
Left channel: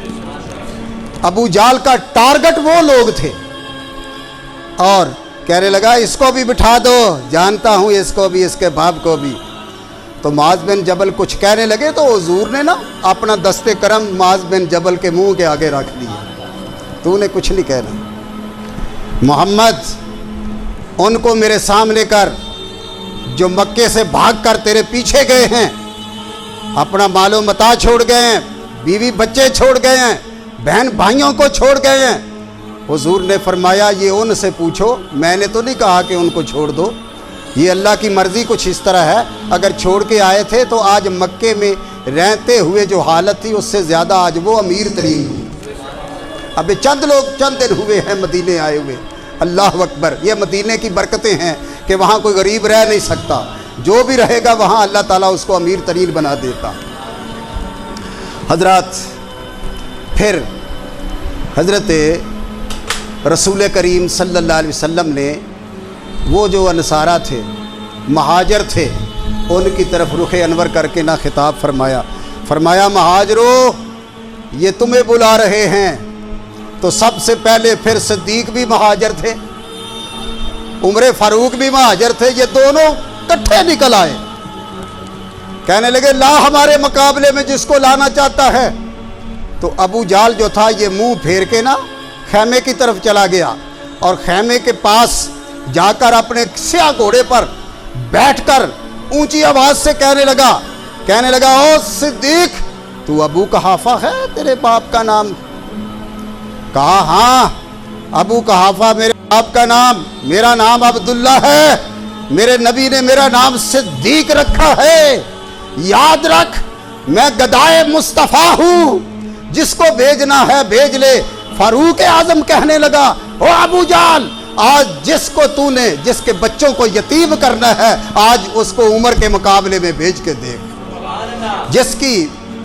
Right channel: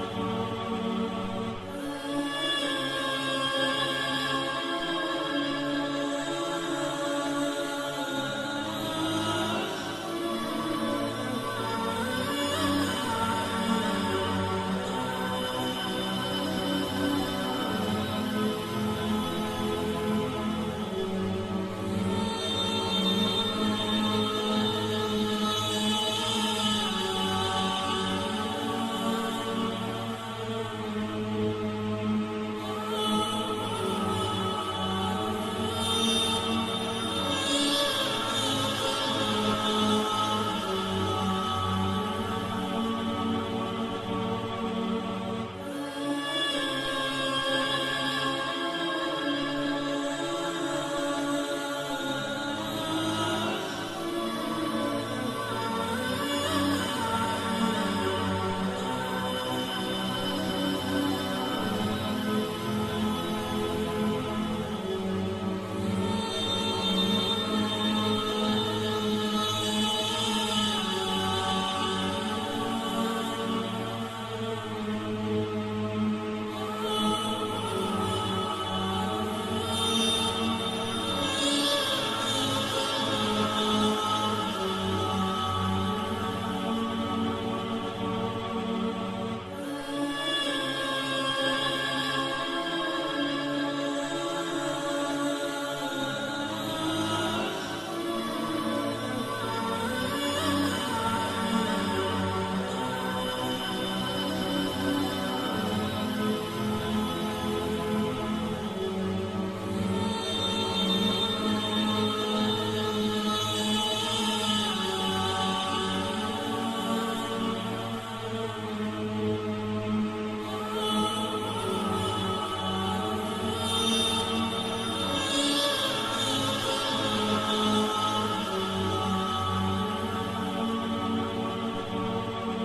ابو جہل کا ٹارگٹ وہ لوگ تھے، اور کہنے لگا اس کو بھی بٹھا دو، جانتا ہوں اس کو بھی، اس کے باپ کو بھی۔ تو معاذ بن جبل کچھ کہنے لگے تو حضور نے نا اپنا دست کرم معاذ بن جبل کے منہ کے آگے رکھ دیا، تو نے کچھ نہیں کہنا، محمد ان کو میرے سامنے کر جو مکے سے بھاگ کر تیرے پیچھے گئے ہیں، اپنا مال و متاع چھوڑ گئے ہیں، بیوی بچے چھوڑ گئے ہیں، بہن بھائیوں کو چھوڑ گئے ہیں۔ حضور نے فرمایا یہ ان سے پوچھو، میں نے تو نہیں کہا کہ ان کو چھوڑ دو، یہ اللہ کی مرضی کچھ اس طرح ہے، اگر چھوڑ کے آئے تھے تو آج مکے میں رہتے ہوئے جو حالت تھی اس سے زیادہ آج وہ امیر ترین ہوئی۔ اب چند دن ہوئے ہیں مدینے آئے ہوئے، اللہ اکبر، یہ مدینے کی برکتیں ہیں کہ وہاں کوئی غریب رہ نہیں سکتا، جو بھی رہے گا وہاں اللہ تعالیٰ اس کو امیر ترین بنا دیتا۔ حضرات، پھر حضرت رسول کریم صلی اللہ علیہ وسلم نے وہ جو انصارہ تھے، مہاجر تھے، ان کی طرف رخ انور کر کے نہ خطاب فرمایا مہاجرو یہ تمہیں بلا رہے ہیں۔ تو سب سے پہلے پھر صدیق بھی مہاجر تھے، عمر فاروق بھی مہاجر تھے، یہ دونوں کٹھے نکل آئے، کہنے لگے لا ہمارے مقابلے میں جس کو لانا چاہتا ہے۔ تو ابو جہل جو تھا یہ منہ پھیر کے نا خیمے کی طرف چلا گیا، اور خیمے کے پاس جا کر اپنے سیاہ گھوڑے پر بیٹھ کر اونچی آواز سے کہنے لگا او صدیق، تو ابو قحافہ ہے تیرے باپ کا نام؟ کہا ہاں ابو قحافہ میرے باپ کا نام، میرا نام عبداللہ ہے، میرے نبی نے میرا نام صدیق رکھا ہے، یاد رکھ میں گدائے مصطفیٰ ہوں، جس کو بھیجنا ہے بھیج لے۔ فاروق اعظم کہنے لگا او ابو جہل، آج جس کے بچوں کو یتیم کرنا ہے آج اس کو عمر کے مقابلے میں بھیج کے دیکھ،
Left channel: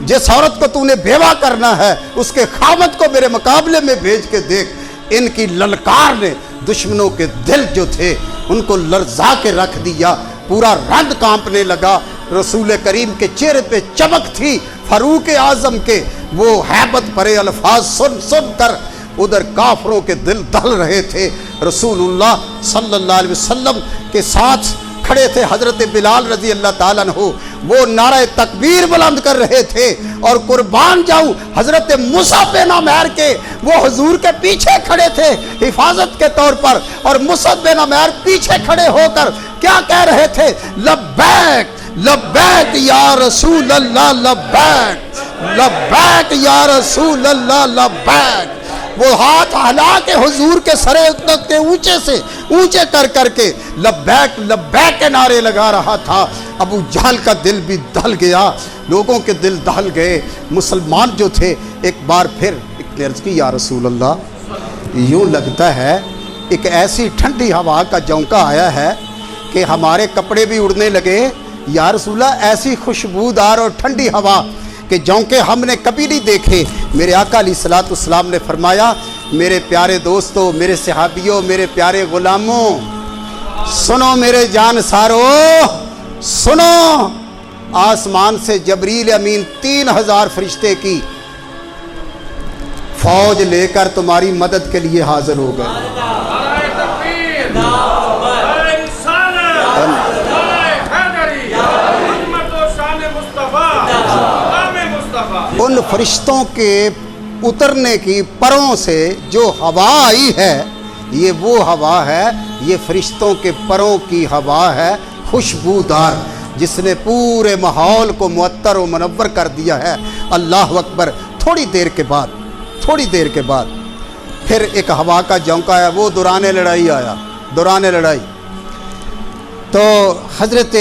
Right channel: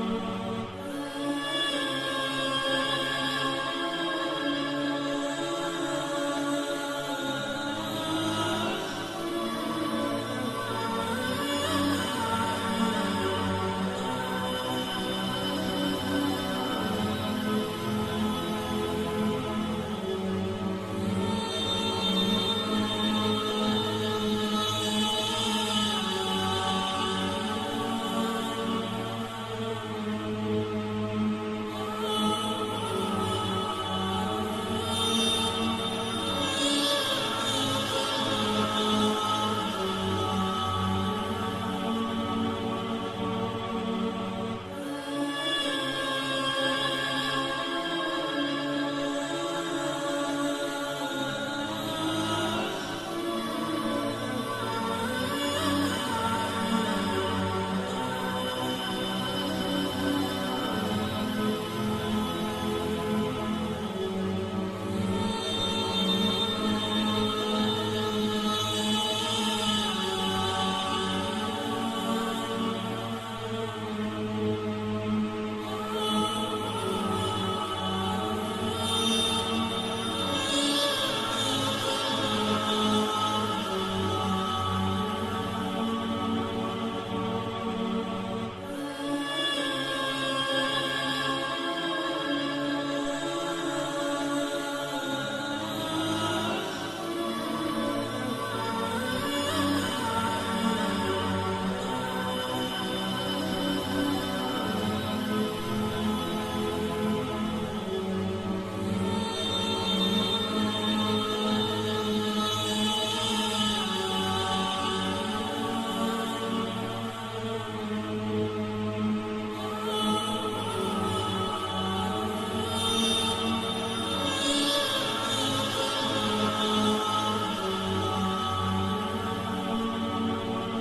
جس عورت کو تو نے بیوہ کرنا ہے اس کے خاوند کو میرے مقابلے میں بھیج کے دیکھ۔ ان کی للکار نے دشمنوں کے دل جو تھے ان کو لرزا کے رکھ دیا، پورا رند کانپنے لگا، رسول کریم کے چہرے پہ چمک تھی، فاروق اعظم کے وہ ہیبت بھرے الفاظ سن کر ادھر کافروں کے دل دہل رہے تھے۔ رسول اللہ صلی اللہ علیہ وسلم کے ساتھ کھڑے تھے حضرت بلال رضی اللہ تعالیٰ عنہ، وہ نعرہ تکبیر بلند کر رہے تھے، اور قربان جاؤں حضرت مصعب بن عمیر کے وہ حضور کے پیچھے کھڑے تھے حفاظت کے طور پر، اور مصعب بن عمیر پیچھے کھڑے ہو کر کیا کہہ رہے تھے؟ لبیک لبیک یا رسول اللہ، لبیک لبیک یا رسول اللہ، لبیک۔ وہ ہاتھ ہلا کے حضور کے سرے تک کے اونچے کر کے لبیک لبیک کے نعرے لگا رہا تھا۔ ابو جہل کا دل بھی دہل گیا، لوگوں کے دل دہل گئے، مسلمان جو تھے ایک بار پھر عرض کی یا رسول اللہ، یوں لگتا ہے ایک ایسی ٹھنڈی ہوا کا جھونکا آیا ہے کہ ہمارے کپڑے بھی اڑنے لگے، یا رسول اللہ ایسی خوشبودار اور ٹھنڈی ہوا کہ جونکے ہم نے کبھی نہیں دیکھے۔ میرے آقا علیہ الصلوۃ والسلام نے فرمایا میرے پیارے دوستو، میرے صحابیوں، میرے پیارے غلاموں، سنو میرے جان سارو، سنو، آسمان سے جبریل امین 3000 فرشتے کی فوج لے کر تمہاری مدد کے لیے حاضر ہو گئے۔ ان فرشتوں کے اترنے کی پروں سے جو ہوا آئی ہے یہ وہ ہوا ہے، یہ فرشتوں کے پروں کی ہوا ہے خوشبودار، جس نے پورے ماحول کو معطر و منور کر دیا ہے۔ اللہ اکبر۔ تھوڑی دیر کے بعد پھر ایک ہوا کا جھونکا ہے، وہ دوران لڑائی آیا، دوران لڑائی۔ تو حضرت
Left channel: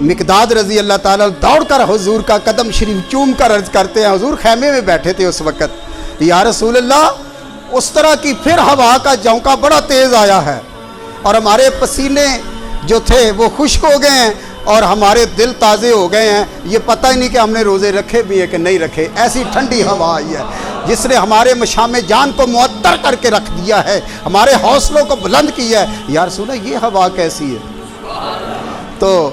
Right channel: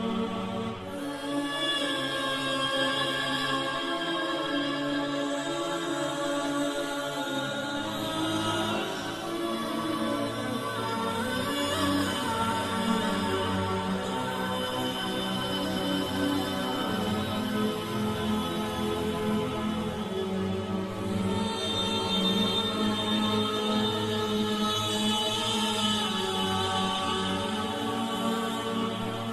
مقداد رضی اللہ تعالیٰ دوڑ کر حضور کا قدم شریف چوم کر عرض کرتے ہیں، حضور خیمے میں بیٹھے تھے اس وقت، یا رسول اللہ اس طرح کی پھر ہوا کا جھونکا بڑا تیز آیا ہے، اور ہمارے پسینے جو تھے وہ خشک ہو گئے ہیں، اور ہمارے دل تازے ہو گئے ہیں، یہ پتہ ہی نہیں کہ ہم نے روزے رکھے بھی ہے کہ نہیں رکھے، ایسی ٹھنڈی ہوا آئی ہے جس نے ہمارے مشام جان کو معطر کر کے رکھ دیا ہے، ہمارے حوصلوں کو بلند کیا ہے۔ یا رسول اللہ یہ ہوا کیسی ہے؟ تو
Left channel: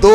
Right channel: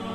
2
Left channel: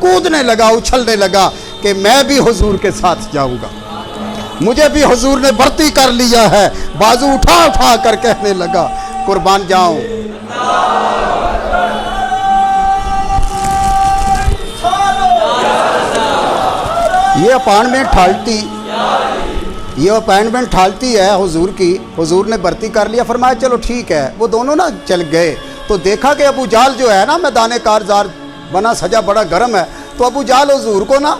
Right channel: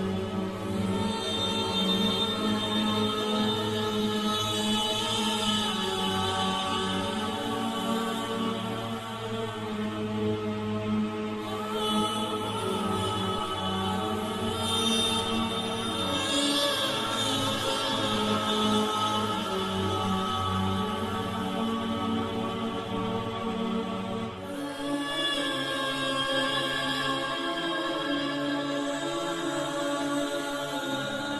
کودنے لگا, اچھلنے لگا کہ میں بھی حضور کے ساتھ جاؤں گا, مجھے بھی حضور نے بھرتی کر لیا ہے. بازو اٹھا اٹھا کر کہنے لگا قربان جاؤں. یہ اپائنٹمنٹ ٹھالتی ہے حضور کی. حضور نے بھرتی کر لیا, فرمایا چلو ٹھیک ہے. وہ دونوں نا چل گئے تو دیکھا کہ ابو جہل جو ہے نا میدان کارزار بنا سجا بڑا گرم ہے, تو ابو جہل حضور کو نا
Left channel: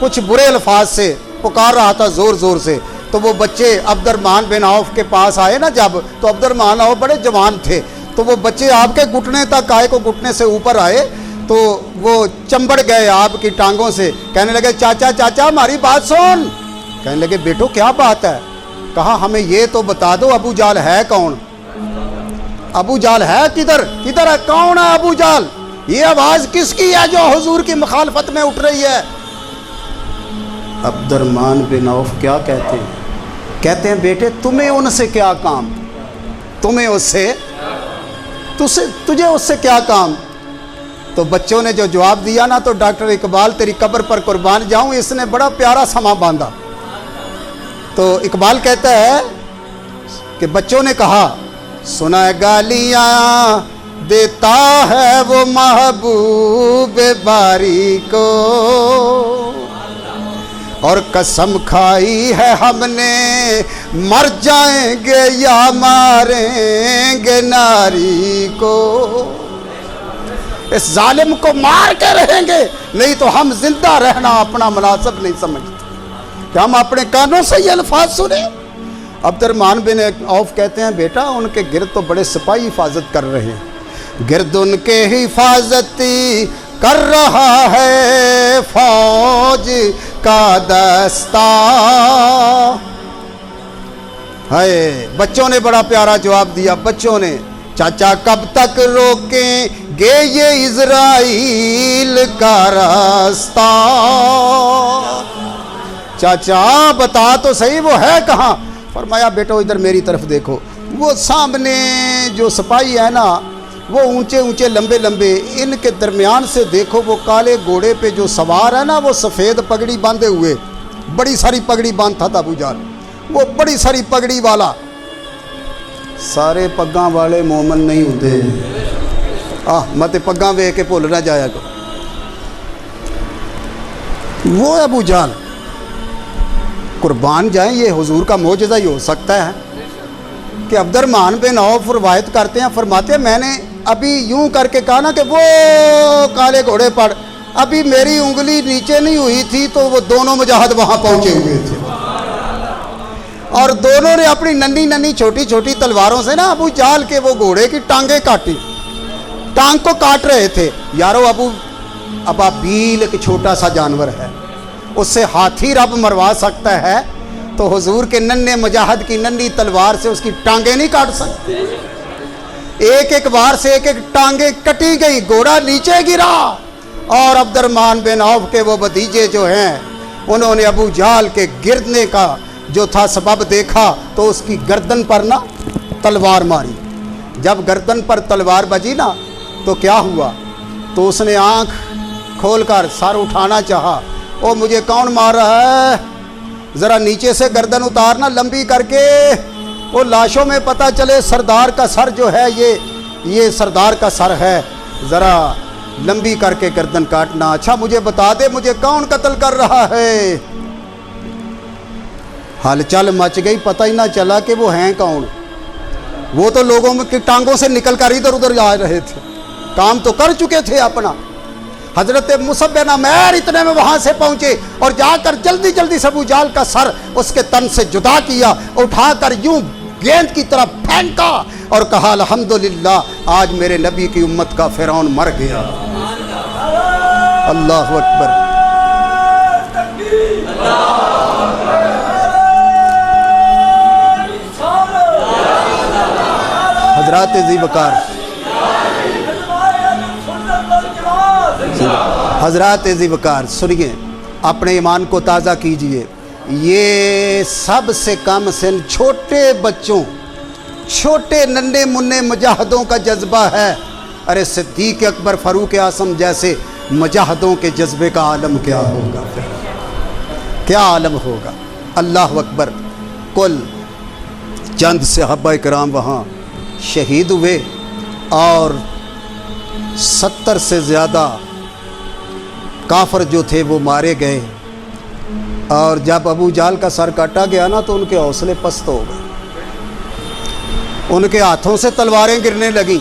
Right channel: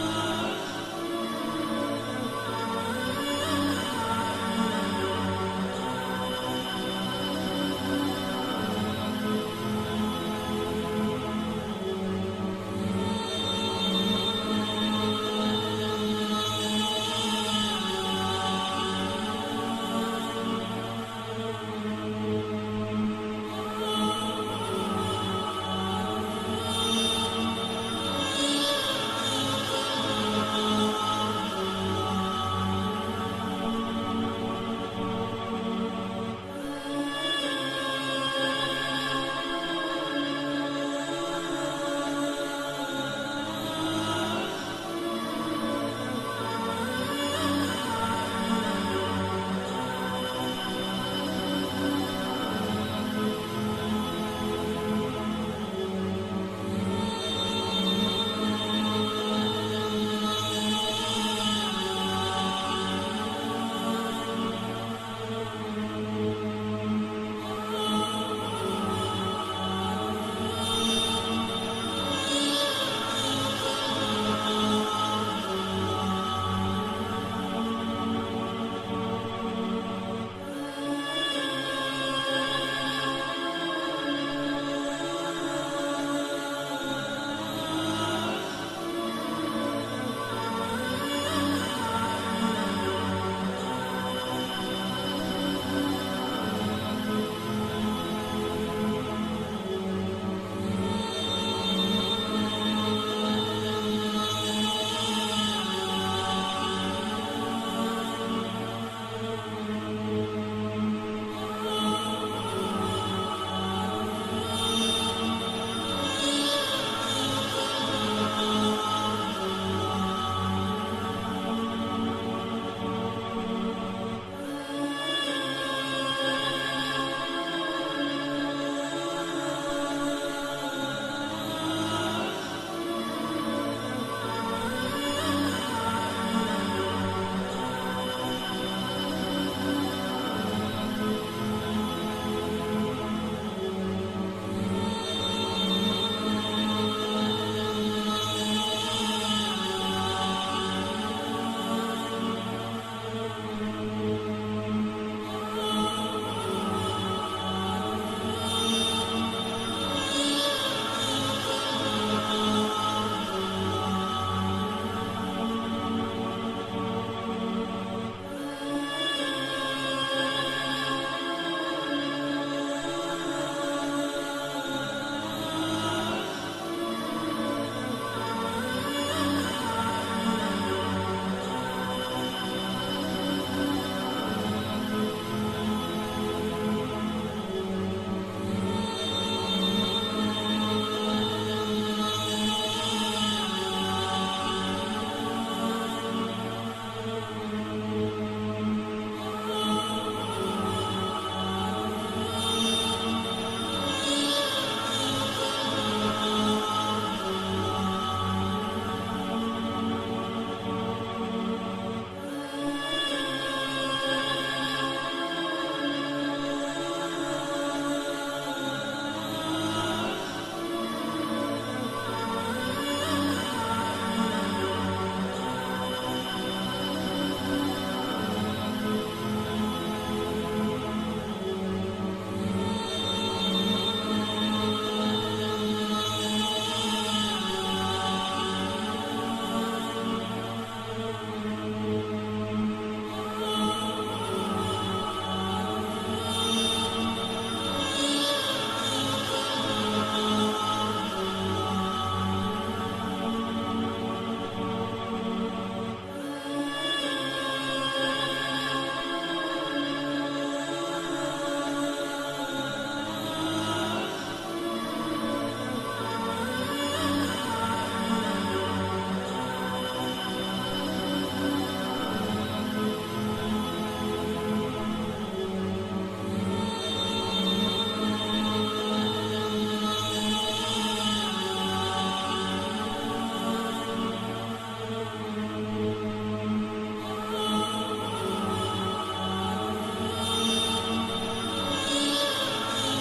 کچھ برے الفاظ سے پکار رہا تھا زور زور سے. تو وہ بچے عبد الرحمن بن عوف کے پاس آئے نا جب, تو عبد الرحمن عوف بڑے جوان تھے, تو وہ بچے آپ کے گھٹنے تک آئے, کو گھٹنے سے اوپر آئے تو وہ چمبڑ گئے آپ کی ٹانگوں سے. کہنے لگے چاچا چاچا ہماری بات سن. کہنے لگے بیٹو کیا بات ہے؟ کہا ہمیں یہ تو بتا دو ابو جہل ہے کون؟ ابو جہل ہے کدھر ہے, کون ہے ابو جہل؟ یہ آواز کس کی ہے جو حضور کی مخالفت میں اٹھ رہی ہے؟ عبد الرحمن بن عوف کیا کہتے ہیں؟ کہتے ہیں بیٹے تمہیں ان سے کیا کام, تجھے اس سے کیا کام؟ تو بچوں نے جو جواب دیا نا, تو ڈاکٹر اقبال تیری قبر پر قربان جاؤں, اس نے بڑا پیارا سما باندھا. تو اقبال کہتا ہے کہ بچوں نے کہا سنا گالیاں دیتا ہے وہ محبوب باری کو, اور قسم کھائی ہے ہم نے مر جائیں گے یا ماریں گے ناری کو. اس ظالم کو مار کے رہیں گے, نہیں تو ہم زندہ رہنا اپنا مناسب نہیں سمجھتے کہ ہم اپنے کانوں سے یہ الفاظ سنیں. عبد الرحمن بن عوف کہتے ہیں بیٹا ان کے گرد تو بڑے سپاہی حفاظت کر رہے ہیں, گرد ان کے حفاظتی کر رہا ہے فوج کا دستہ. ہے بچوں نے بڑا پیارا جواب دیا. بچوں نے چاچا کب تک روکیں گے یہ اسرائیل کا راستہ؟ چاچا بتا تو صحیح وہ ہے کہاں؟ فرمایا بیٹو ادھر میری طرف دیکھو, وہ سامنے جو سپاہی ہے نا وہ اونچے اونچے لمبے لمبے, ان کے درمیان سے دیکھو وہ کالے گھوڑے پہ جو سوار ہے نا وہ سفید پگڑی باندھے ہوئے, بڑی ساری پگڑی باندھتا تھا ابو جہل, وہ بڑی ساری پگڑی والا. سارے پگاں والے مومن نہیں ہوتے, مت پگاں وے کے بھول نہ جایا تو. وہ ابو جہل قربان جائیں, یہ حضور کا معجزہ ہی ہو سکتا ہے کہ عبد الرحمن بن عوف روایت کرتے ہیں, فرماتے ہیں میں نے ابھی یوں کر کے کہا نا کہ وہ کالے گھوڑے پر ابھی میری انگلی نیچے نہیں ہوئی تھی تو وہ دونوں مجاہد وہاں پہنچے ہوئے تھے, اور دونوں نے اپنی ننھی ننھی چھوٹی چھوٹی تلواروں سے نا ابو جہل کے وہ گھوڑے کی ٹانگیں کاٹی, ٹانگ کو کاٹ رہے تھے. یارو ابابیل ایک چھوٹا سا جانور ہے, اس سے ہاتھی رب مروا سکتا ہے, تو حضور کے ننھے مجاہد کی ننھی تلوار سے اس کی ٹانگیں نہیں کاٹ سکتے. ایک ایک بار سے ایک ایک ٹانگیں کٹی گئی, گھوڑا نیچے گرا, اور عبد الرحمن بن عوف کے وہ بھتیجے جو ہیں انہوں نے ابو جہل کے گرنے کا جو تھا سبب دیکھا تو اس کی گردن پر نا تلوار ماری. جب گردن پر تلوار بجی نا تو کیا ہوا, تو اس نے آنکھ کھول کر سر اٹھانا چاہا, او مجھے کون مار رہا ہے, ذرا نیچے سے گردن اتارنا لمبی کر کے, وہ لاشوں میں پتہ چلے سردار کا سر جو ہے یہ سردار کا سر ہے, ذرا لمبی کر کے گردن کاٹنا. اچھا مجھے بتا دے مجھے کون قتل کر رہا ہے؟ ہلچل مچ گئی, پتہ ہی نہ چلا کہ وہ ہیں کون. وہ تو لوگوں کی ٹانگوں سے نکل کر ادھر ادھر جا رہے تھے, کام تو کر چکے تھے اپنا. حضرت مصعب بن عمیر اتنے میں وہاں سے پہنچے اور جا کر جلدی جلدی سے ابو جہل کا سر اس کے تن سے جدا کیا, اٹھا کر یوں گیند کی طرف پھینکا اور کہا الحمدللہ آج میرے نبی کی امت کا فرعون مر گیا. اللہ اکبر. حضرات ذی وقار, حضرات ذی وقار سنیے, اپنے ایمان کو تازہ کیجئے. یہ سب سے کم سن چھوٹے بچوں, چھوٹے ننھے منھے مجاہدوں کا جذبہ ہے. ارے صدیق اکبر فاروق اعظم جیسے مجاہدوں کے جذبے کا عالم کیا ہوگا، کیا عالم ہوگا۔ اللہ اکبر۔ کل چند صحابہ کرام وہاں شہید ہوئے اور 70 سے زیادہ کافر جو تھے وہ مارے گئے، اور جب ابو جہل کا سر کاٹا گیا نا تو ان کے حوصلے پست ہو گئے، ان کے ہاتھوں سے تلواریں گرنے لگیں،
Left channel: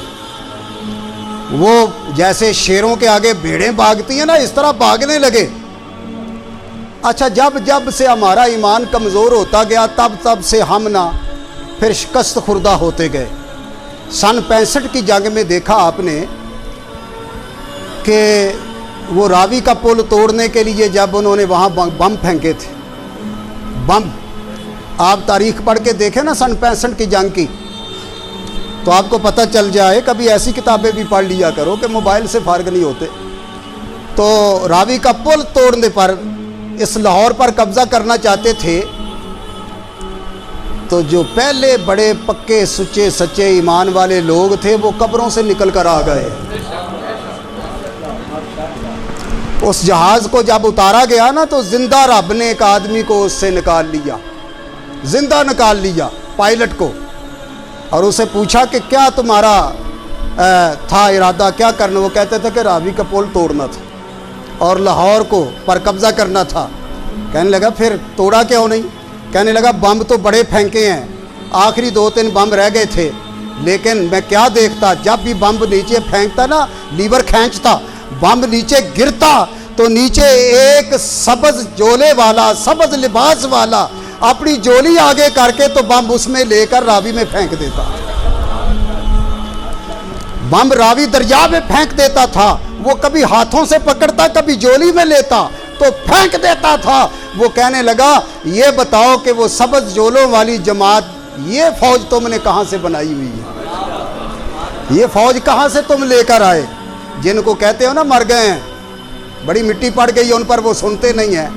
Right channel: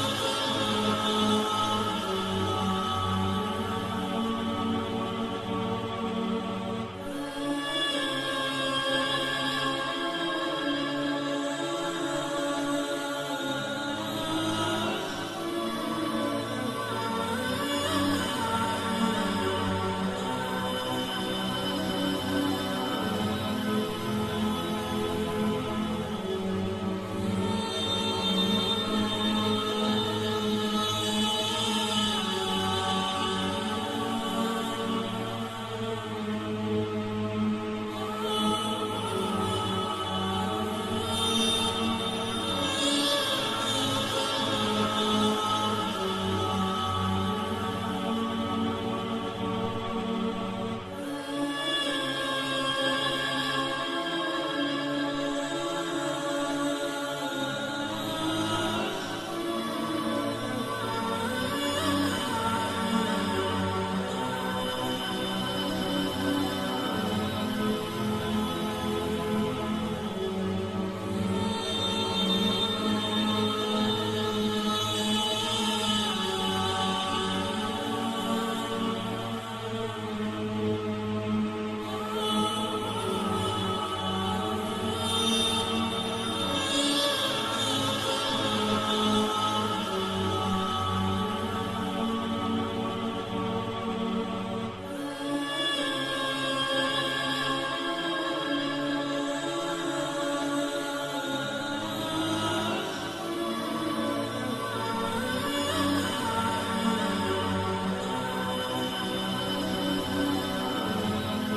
وہ جیسے شیروں کے آگے بھیڑیں بھاگتی ہیں نا اس طرح بھاگنے لگے۔ اچھا، جب سے ہمارا ایمان کمزور ہوتا گیا تب سے ہم نہ پھر شکست خوردہ ہوتے گئے۔ سن 65 کی جنگ میں دیکھا آپ نے کہ وہ راوی کا پل توڑنے کے لیے جب انہوں نے وہاں بم پھینکے تھے، بم، آپ تاریخ پڑھ کے دیکھیں نا سن 65 کی جنگ کی تو آپ کو پتہ چل جائے۔ کبھی ایسی کتابیں بھی پڑھ لیا کرو کہ موبائل سے فارغ نہیں ہوتے۔ تو راوی کا پل توڑنے پر اس لاہور پر قبضہ کرنا چاہتے تھے، تو جو پہلے بڑے پکے سچے سچے ایمان والے لوگ تھے وہ قبروں سے نکل کر آ گئے۔ اس جہاز کو جب اتارا گیا نا تو زندہ رب نے ایک آدمی کو اس سے نکال لیا، زندہ نکال لیا، پائلٹ کو، اور اسے پوچھا کہ کیا تمہارا تھا ارادہ، کیا کرنا؟ وہ کہتے تھے کہ راوی کا پل توڑنا تھا اور لاہور کو پر قبضہ کرنا تھا۔ کہنے لگا پھر توڑا کیوں نہیں؟ کہنے لگا بم تو بڑے پھینکے ہیں، آخری 2-3 بم رہ گئے تھے، لیکن میں کیا دیکھتا، جب بھی بم نیچے پھینکتا نا، لیور کھینچتا، بم نیچے گرتا تو نیچے ایک سبز جولے والا، سبز لباس والا اپنی جولی آگے کر کے تو بم اس میں لے کر راوی میں پھینک دیتا، بم راوی دریا میں پھینک دیتا تھا۔ وہ کبھی ہاتھوں سے پکڑتا، کبھی جولی میں لیتا تو پھینک دیتا تھا۔ وہ کہنے لگا یہ بتاؤ کہ وہ سبز جولوں والی جماعت، یہ فوج تم نے کہاں سے بنائی ہوئی ہے؟ یہ فوج کہاں سے تم لے کر آئے؟ جن کو کہتے ہو نا مر گئے ہیں، بڑی مٹی پڑ گئی ان پر، وہ سنتے نہیں ہیں۔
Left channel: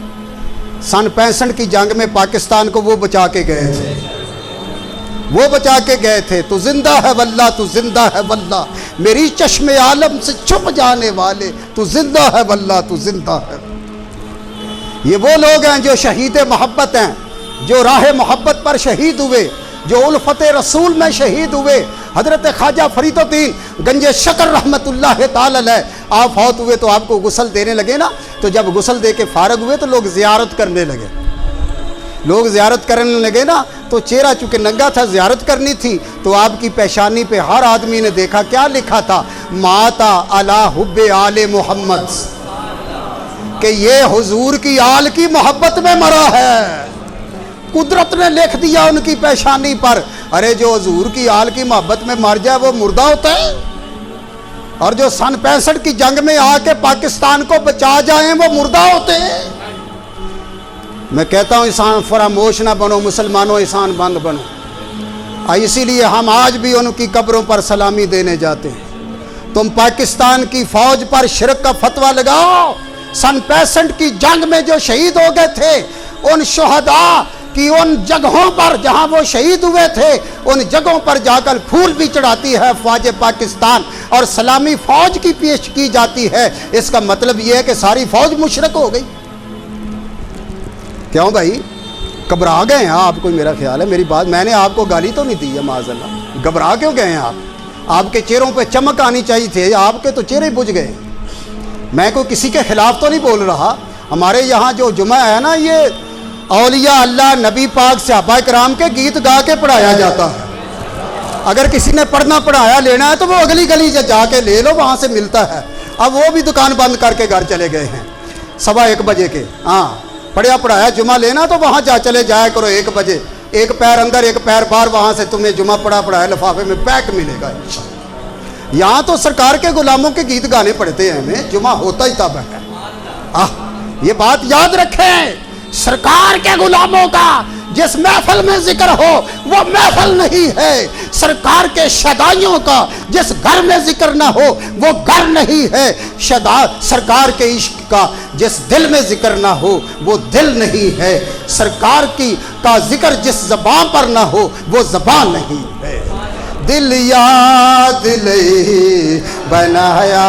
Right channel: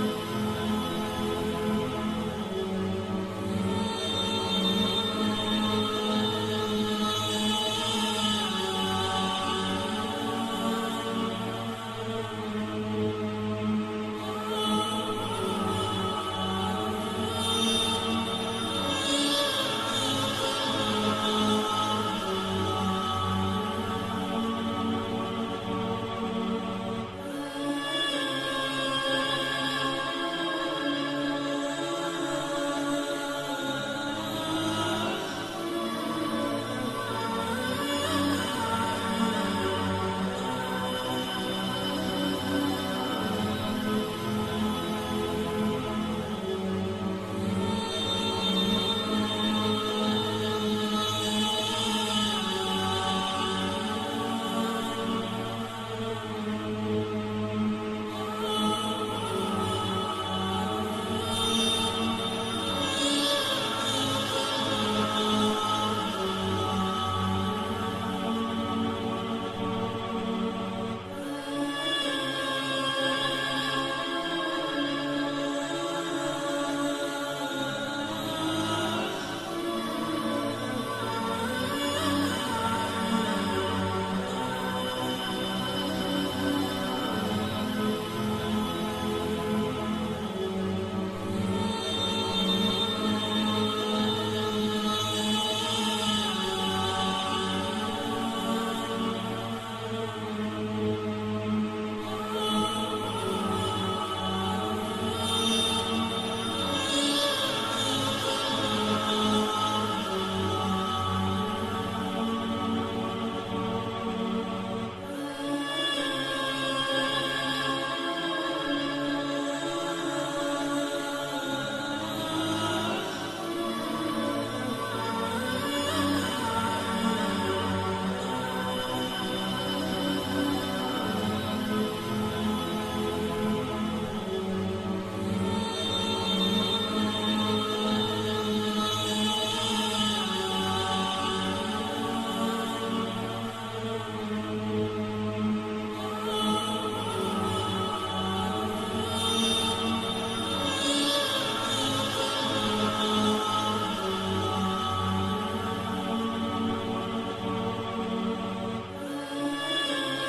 سن 65 کی جنگ میں پاکستان کو وہ بچا کے گئے تھے، وہ بچا کے گئے تھے۔ تو زندہ ہے واللہ، تو زندہ ہے واللہ، میری چشم عالم سے چھپ جانے والے، تو زندہ ہے واللہ، تو زندہ ہے۔ یہ وہ لوگ ہیں جو شہید محبت ہیں، جو راہ محبت پر شہید ہوئے، جو الفت رسول میں شہید ہوئے۔ حضرت خواجہ فرید الدین گنج شکر رحمت اللہ تعالی علیہ، آپ فوت ہوئے تو آپ کو غسل دینے لگے نا، تو جب غسل دے کے فارغ ہوئے تو لوگ زیارت کرنے لگے، لوگ زیارت کرنے لگے نا، تو چہرہ چونکہ ننگا تھا، زیارت کرنی تھی، تو آپ کی پیشانی پہ ہر آدمی نے دیکھا کیا لکھا تھا، ماتا علی حب آل محمد، کہ یہ حضور کی آل کی محبت میں مرا ہے۔ قدرت نے لکھ دیا ان کی پیشانی پر، ارے جو حضور کی آل کی محبت میں مر جائے وہ مردہ ہوتا ہے، اور جو سن 65 کی جنگ میں آ کے پاکستان کو بچا جائیں وہ مردہ ہوتے ہیں۔ میں کہتا ہوں انسان فراموش نہ بنو، مسلمانوں انسان بند بنو۔ اسی لیے ہم آج بھی ان کی قبروں پر سلامی دینے جاتے ہیں۔ تم پاکستان کی فوج پر شرک کا فتویٰ لگاؤ۔ سن 65 کی جنگ میں جو شہید ہو گئے تھے، ان شہداء کہ ان جگہوں پر جہاں وہ شہید ہوئے تھے، ان جگہوں پر جا کر پھول بھی چڑھاتی ہے فوج پاکستان، اور سلامی فوج کی پیش کی جاتی ہے۔ اس کا مطلب یہ ہے کہ ساری فوج مشرک ہو گئی۔ کیوں بھائی گھبرا گئے ہیں آپ؟ کوئی میرا خیال ہے، میری بات، میں نے آپ کو گالی تو نہیں دی ہے معاذ اللہ، گھبرا کیوں گئے ہیں آپ کے چہروں پہ چمک آنی چاہیے تھی، آپ کے تو چہرے بجھ گئے۔ میں کوئی کسی کے خلاف تو نہیں بول رہا، ہمارے یہاں جو جمعہ ہے نا، یہ اولیاء اللہ، نبی پاک، صحابہ کرام کے گیت گا کے پڑھایا جاتا ہے۔ اگر کسی نے پڑھنا پڑھایا لینا ہے تو وہ اگلی گلی سے جا کے لے لو، وہاں سے ملتا ہے۔ اب وہ بھی دکان بند کر کے گھر چلے گئے ہیں 1:15 بجے کے۔ ہاں، پڑھیا پڑھایا جمعہ لینا تو وہاں جا چلے جایا کرو 1 بجے، ایک پیر اندر ایک پیر باہر، وہاں سے تمہیں جمعہ پڑھایا لفافے میں پیک ملے گا انشاءاللہ۔ یہاں تو سرکار کے غلاموں کے گیت گانے پڑھتے ہیں، ہمیں جمعہ ہوتا ہی تب ہے۔ یہ بات یاد رکھیں، سرکار کے غلاموں کا جس محفل میں ذکر ہو وہ محفل نہیں ہے، سرکار کے شدائیوں کا جس گھر میں ذکر نہ ہو وہ گھر نہیں ہے، سرکار کے عشق کا جس دل میں ذکر نہ ہو وہ دل نہیں ہے، سرکار کا ذکر جس زبان پر نہ ہو وہ زبان نہیں ہے۔ دل یا دل بنایا